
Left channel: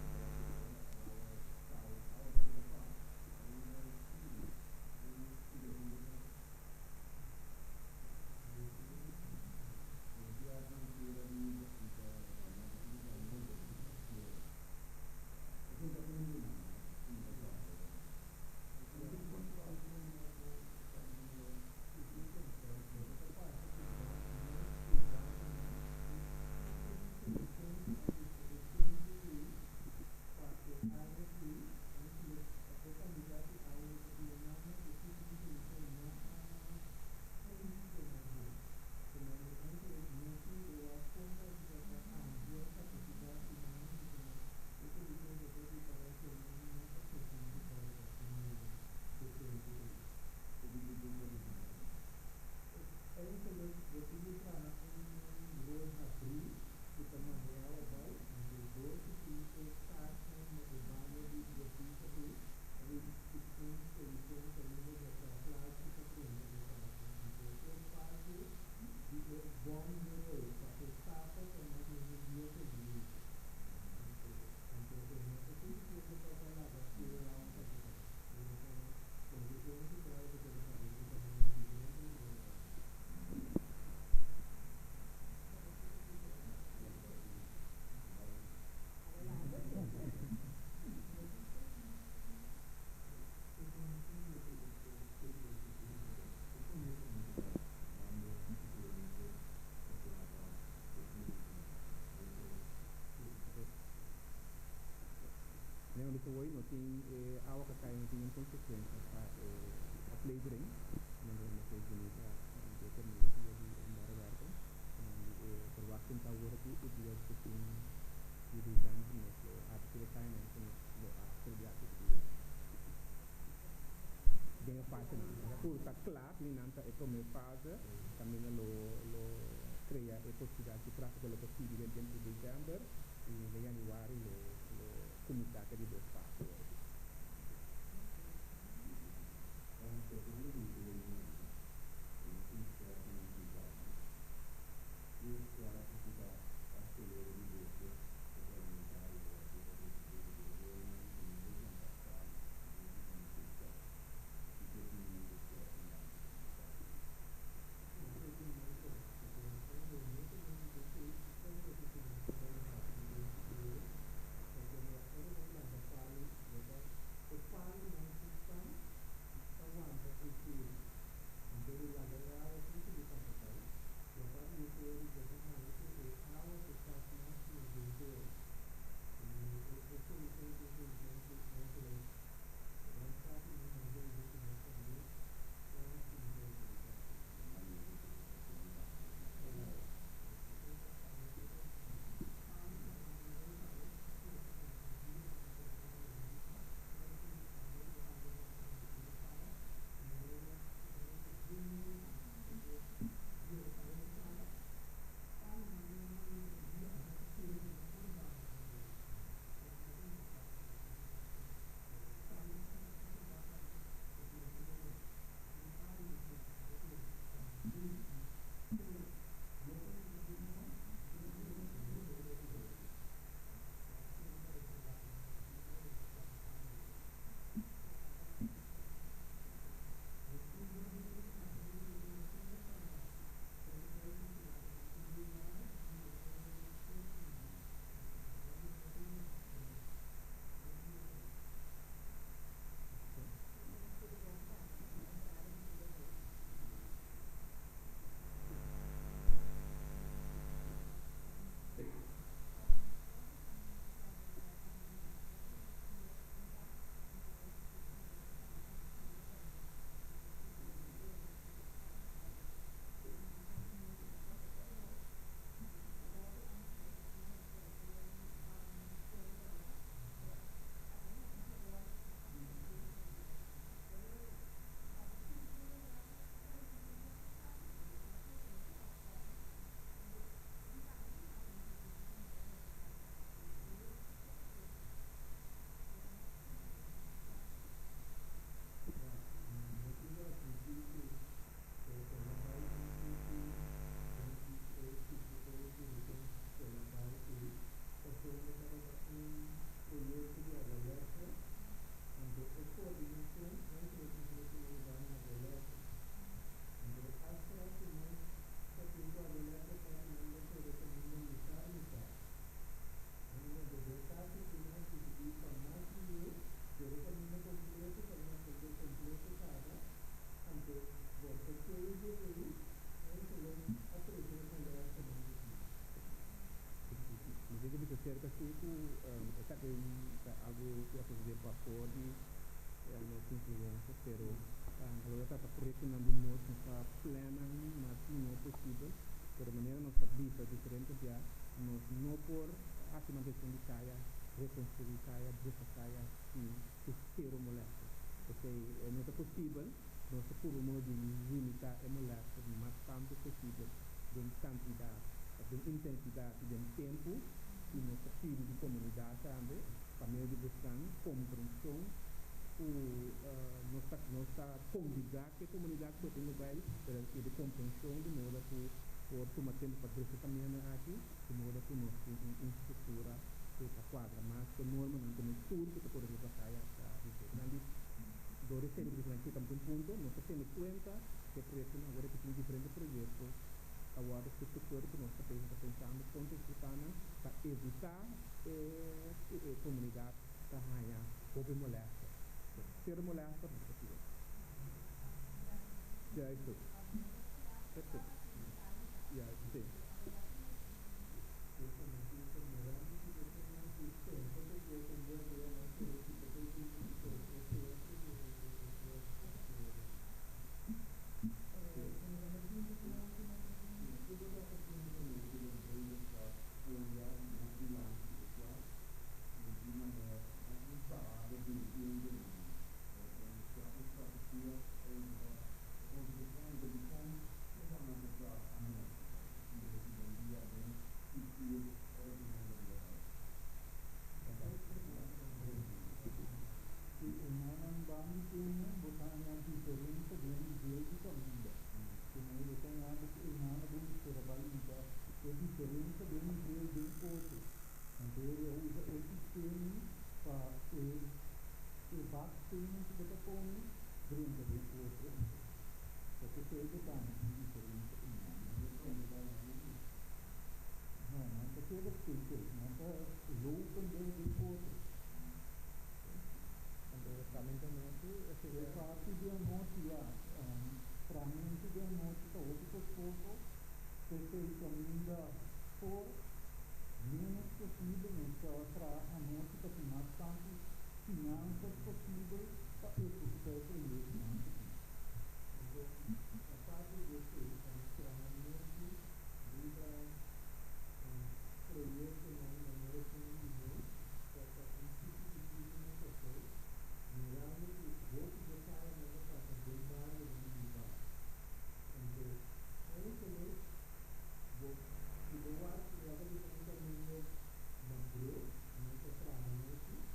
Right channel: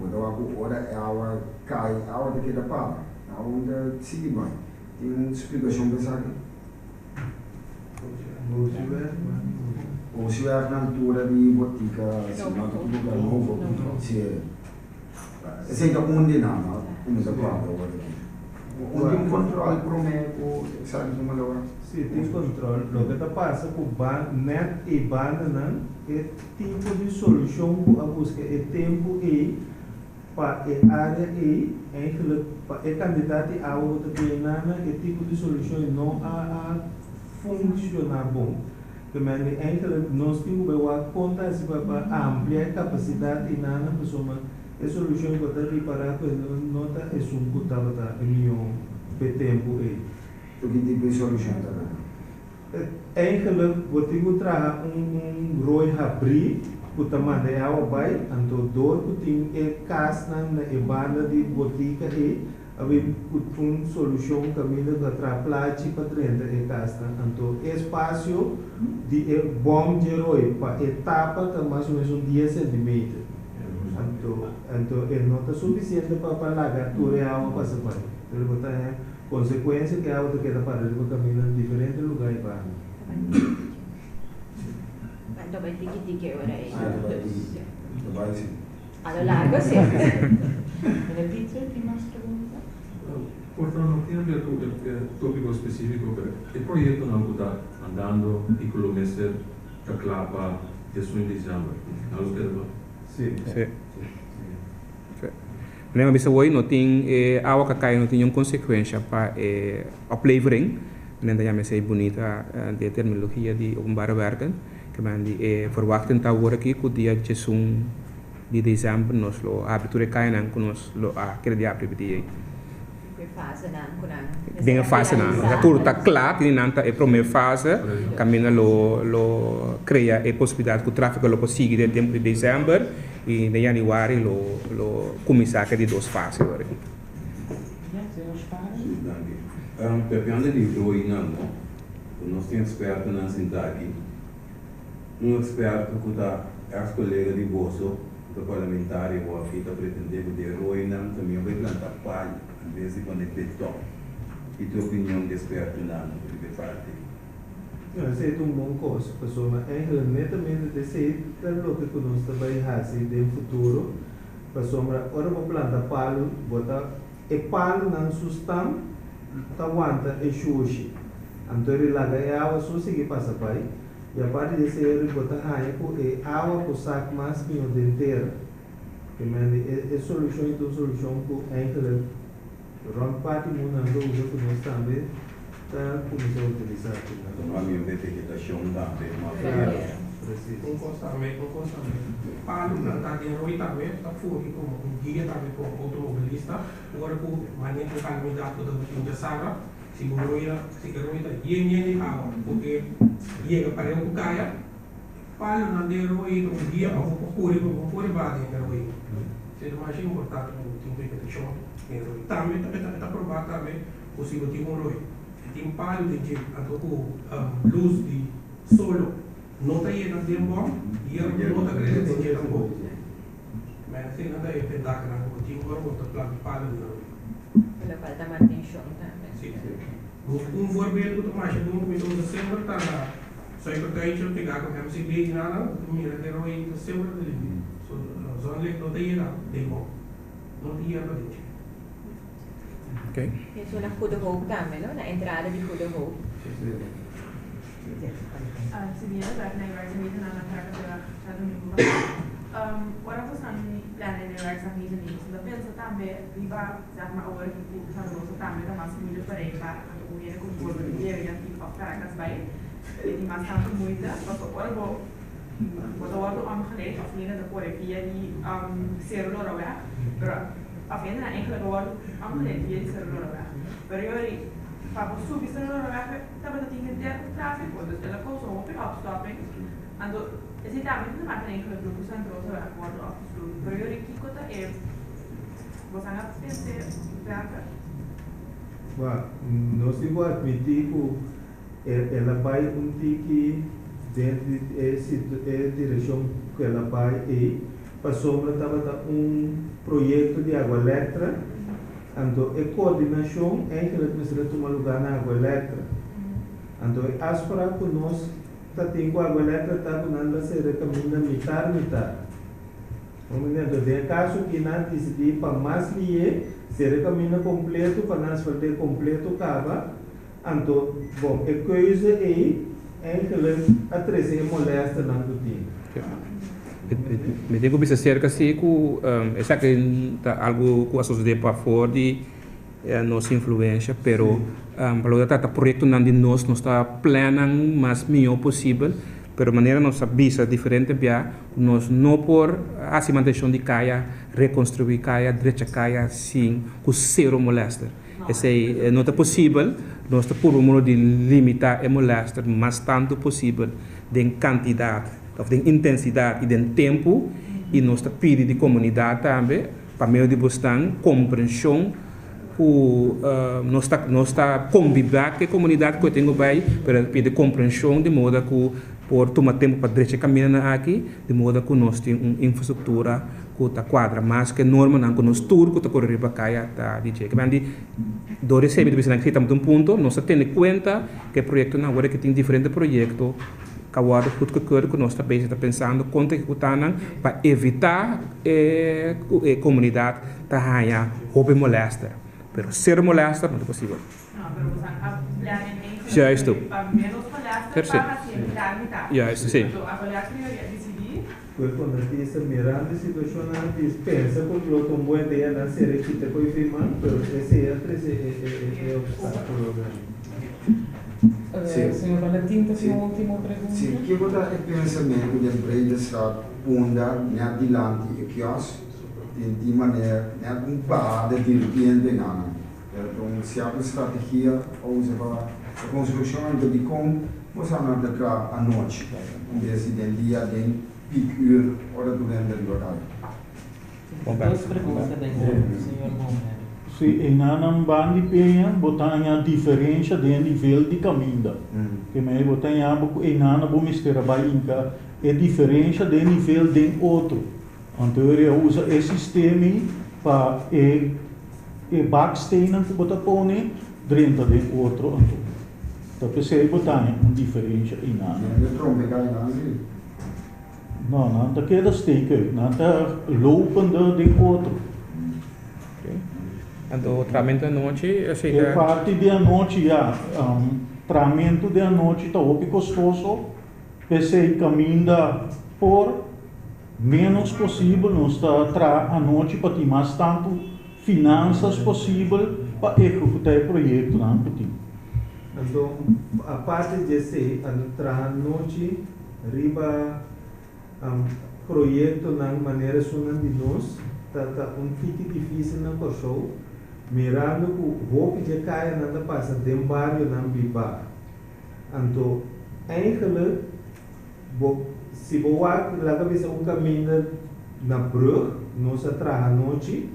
mudou a hora é a hora cai, a hora que da pá, a onda sigue bem. Tem uma explicação para isso aqui. Gousiar na altura de botica, se não tudo lugar novo, se é ainda onde não, como da pá, onde controle para o meio, sabe de uma hora. Sim, tem controle. O que está passando com o net e banda é tipo de solução que a busca é tempo e para a área e para o candidato a outra plenana é tipo de solução não a funcionar bom. Também nós temos que contar se para ampliar a capacidade e nada pessoa a solução que está reparar que nota é um que estava em tempo e o que tipo de solução está dando? Eigenlijk wordt ik utra rooi abrir, que manda é água vai, então dor que tem é casa na banda de botica e havia uma solução caminho da traplate para dentro é casa, então espaço de bom de rooi para etapa que mais ou menos 10 centímetros, então é não está suficiente para largar toda a água para se vai, ele botar consequência que a água queda para ele caminhar em diferentes lugares para então vai tiki-tiki agora aí. Vai sim. A lo largo sim. Repite, tem mais pergunta? Portanto, não tem a ver com o tópico específico, mas o projeto não está andando e colomester a clapa de sua dezembro. Não é o sim. Lembra bisa hoje não tem água que cai não tem uma consequência para a oplevering. Nenda já me sei bonita de terminologia de openbare werken. Que man die verwachten tá agora aqui que dia 1 de dezembro nós lo abertura cai não que nós lo aquele dia abre Dengan fase na, tudo está claro que nanta é a primeira fase, caminha lo cria a possibilidade que o tráfego lo consiga de tempo de dezembro e de januário lo começar de 2 fases agora. Pepiando de roi não, nós temos experto na Sintaki, experto que está as colegas de bolso, do parlamentar e o afita pretender que de roi não também vai plantar palha, às vezes quando é beton. E tua opinião de experto não, de parte? Eu sei que bom coisa, pessoa, é netamente de ser o que nós também fazemos no futuro, pessoa, ora vou plantar palo, botar palo não sustenta aguanta e xuxi. Então ele larga a água só seguir passa pai. E a parte desse ele bota raia e água por saco mais que o dia inteiro. Que é solução então solução que é que ron parte mundo ando usa que nós também está começando a utilizar. Então a minha vegetação também, uma Constantemente. Para não estar de roi também, está fora como guia também como automobilista. Agora com maneira de caminhar toda a saga, se o roi está guia água, porque guia para o caia, para não ter roi um guia para o pôr base em roi. Seja mais importante o vegetação em roi. Também está provado também possível ter um roi. Tem palho de luz de solo. Não tem ainda tempo bom e eu não estou acreditando que é bom. Mas tem nada a pensar que não tinha agora vou estar plano não. Ela falta mais atenção também. Sim. Voorbeeld que mais doen met onze zilver dan zou ik het tijdje pegar com a CB nada, mira ter o aí do zilver dele. Só ele não tem nada, tem bom. Não tinha para gente. Ok. Isso na Goede Hoop também, não? Na entrada de Goede Hoop. Sebenarnya berarti werkzaamheden aan het werk Ora possiamo plannen le werkzaamheden niet. Dat wil ze também riba zeg maar over die van onze também dat mas moeite bereikbaar en hoe je kon voorbereiden ja die afspraken bij die mas tanto moeite wat ora wat ora aangeleid of niet de correctie die server weg. Pero afijn na enkele woorden aangeleid die server weg. Pero para subir server weg também tem que ter tráfego, dus ela começou a ter opstopping. Ando exatamente não vai ter enkele grupos centros a acordo afgesloten. Pero eu aqui conta é você não pensa werken. Nós temos que admitir que ela vai tiki dentro da direção que ela vai e passou para projeto de água elétrica, então a coordenação é que ela precisa tomar lugar na água elétrica. Então as para que nós temos água elétrica está quando se recomenda metade. Em caso que nós decidimos para mais lié, se recomenda completo para nós fazer completo acaba. Então, bom, a coisa é que a treze molesta não do tempo. Me digo que cerca se com essa que algo com a sociedade para fora de nossa influência, pero para o projeto não de nós está planejando mais melhor possível, pero maneira nossa visa diferente bia nós não por a cimentação de caia reconstruir caia direita caia sim com zero molesta. Esse não é possível. Nós estamos de limitar a molesta mais tanto possível de quantidade, de intensidade e de tempo, e nós estamos pedindo de comunidade também para meio de buscar compreensão, nós está conviver com a comunidade que eu tenho bem para pedir compreensão de modo que por tomar tempo para direita caminhar aqui, de modo que nós temos uma infraestrutura que está quadra, mas que norma não que nós tudo que está correndo para cá está de jeito. Mas do receber de que estamos um ponto, nós temos em conta que o projeto não agora que tem diferentes projetos, que agora que nós está pensando quanto que está para evitar a comunidade tá ganhar roubo molesta, pero ser molesta não é possível. Já estou. Já estou, sim. Quando a gente mirando a situação, a gente pensa que o outro bom ideia não seria que depois firmar, mas esse é o obstáculo. Senhor Valentim, tem uma última pergunta? Sim, que vou dar o pensamento de empresa está onda adiante e que de maneira não para de repente não. Então, se a estratégia ou a construção de como você não dá à noite, desse dia de pique hora do ano de horário. Duas perguntas da senhor Momero. Se enanam bandi penha botar a diferença de nível de caminho. Que me botar a boco enana bom mistério bainca é diferença de nível de outro. Então ele usa esse sistema para e backsteinen que botar põe dentro de outro. Então precisa botar uma diferença enana. Não está queda steken, não está lopende de outro. O tratamento da noite, a parte da noite, tratamento da noite está muito custoso, você caminha por menos possível, nós está a noite para ter mais tanto finanças possível para executar o projeto. Então, a parte desse a noite, riba projeto na maneira sonando de nós, está fique difícil na pessoa. Mirando que o roupa de caia não passa de um bairro não biba. Então, eigenlijk, se você lá cabeça caminho na brug, nós atrás à noite,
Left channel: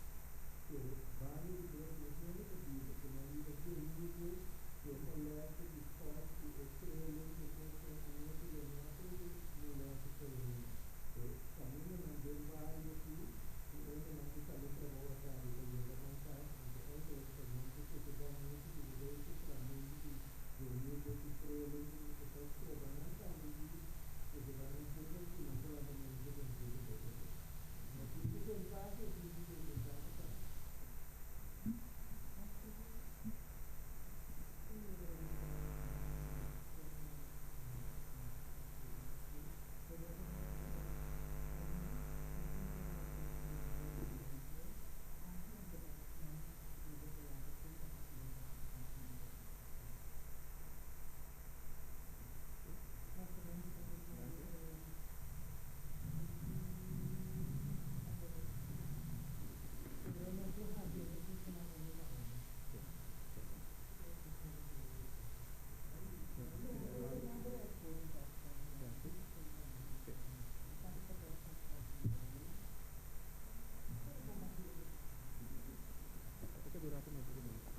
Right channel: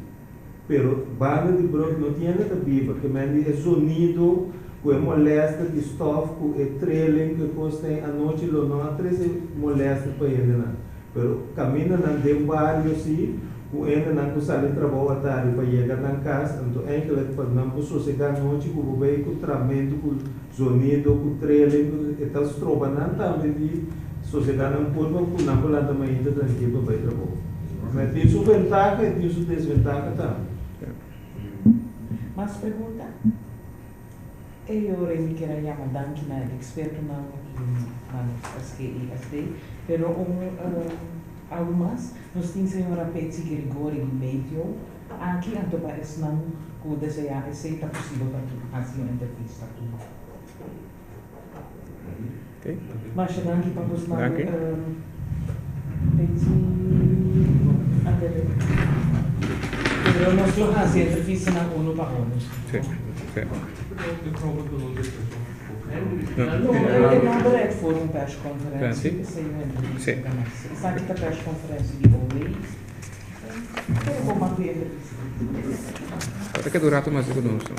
pero bairro de brug não tinha nada biba, que mande é sonido, que é molesta de estofo, que é trailing, que custa à noite não há três molesta para ele não. Pero caminho não de um bairro assim. O ainda não consegue trabalhar à tarde para chegar na casa, então é que não posso chegar à noite com o veículo, tratamento, com o sonido, com o trailing, e tal, se trova não também de sociedade não pode, não pode andar mais ainda tranquilo para trabalhar. Mas tem sua vantagem e tem sua desvantagem também. Mais pergunta? Eu me quero chamar Danke na experto na SKI, pero algo mais? Nós temos a senhora Betsy Gregori de Medio, aqui em Topa Esnam, como desejar, está possível para fazer uma entrevista aqui. Ok. Mas chegando aqui para você, Betsy, pero nós vamos fazer a entrevista na ONU para ONU. Sim, sim. Não é que for press conferência, sim. Está aqui a press conferência de OWEI. Eu vou manter a entrevista. Até que durato mais conosco.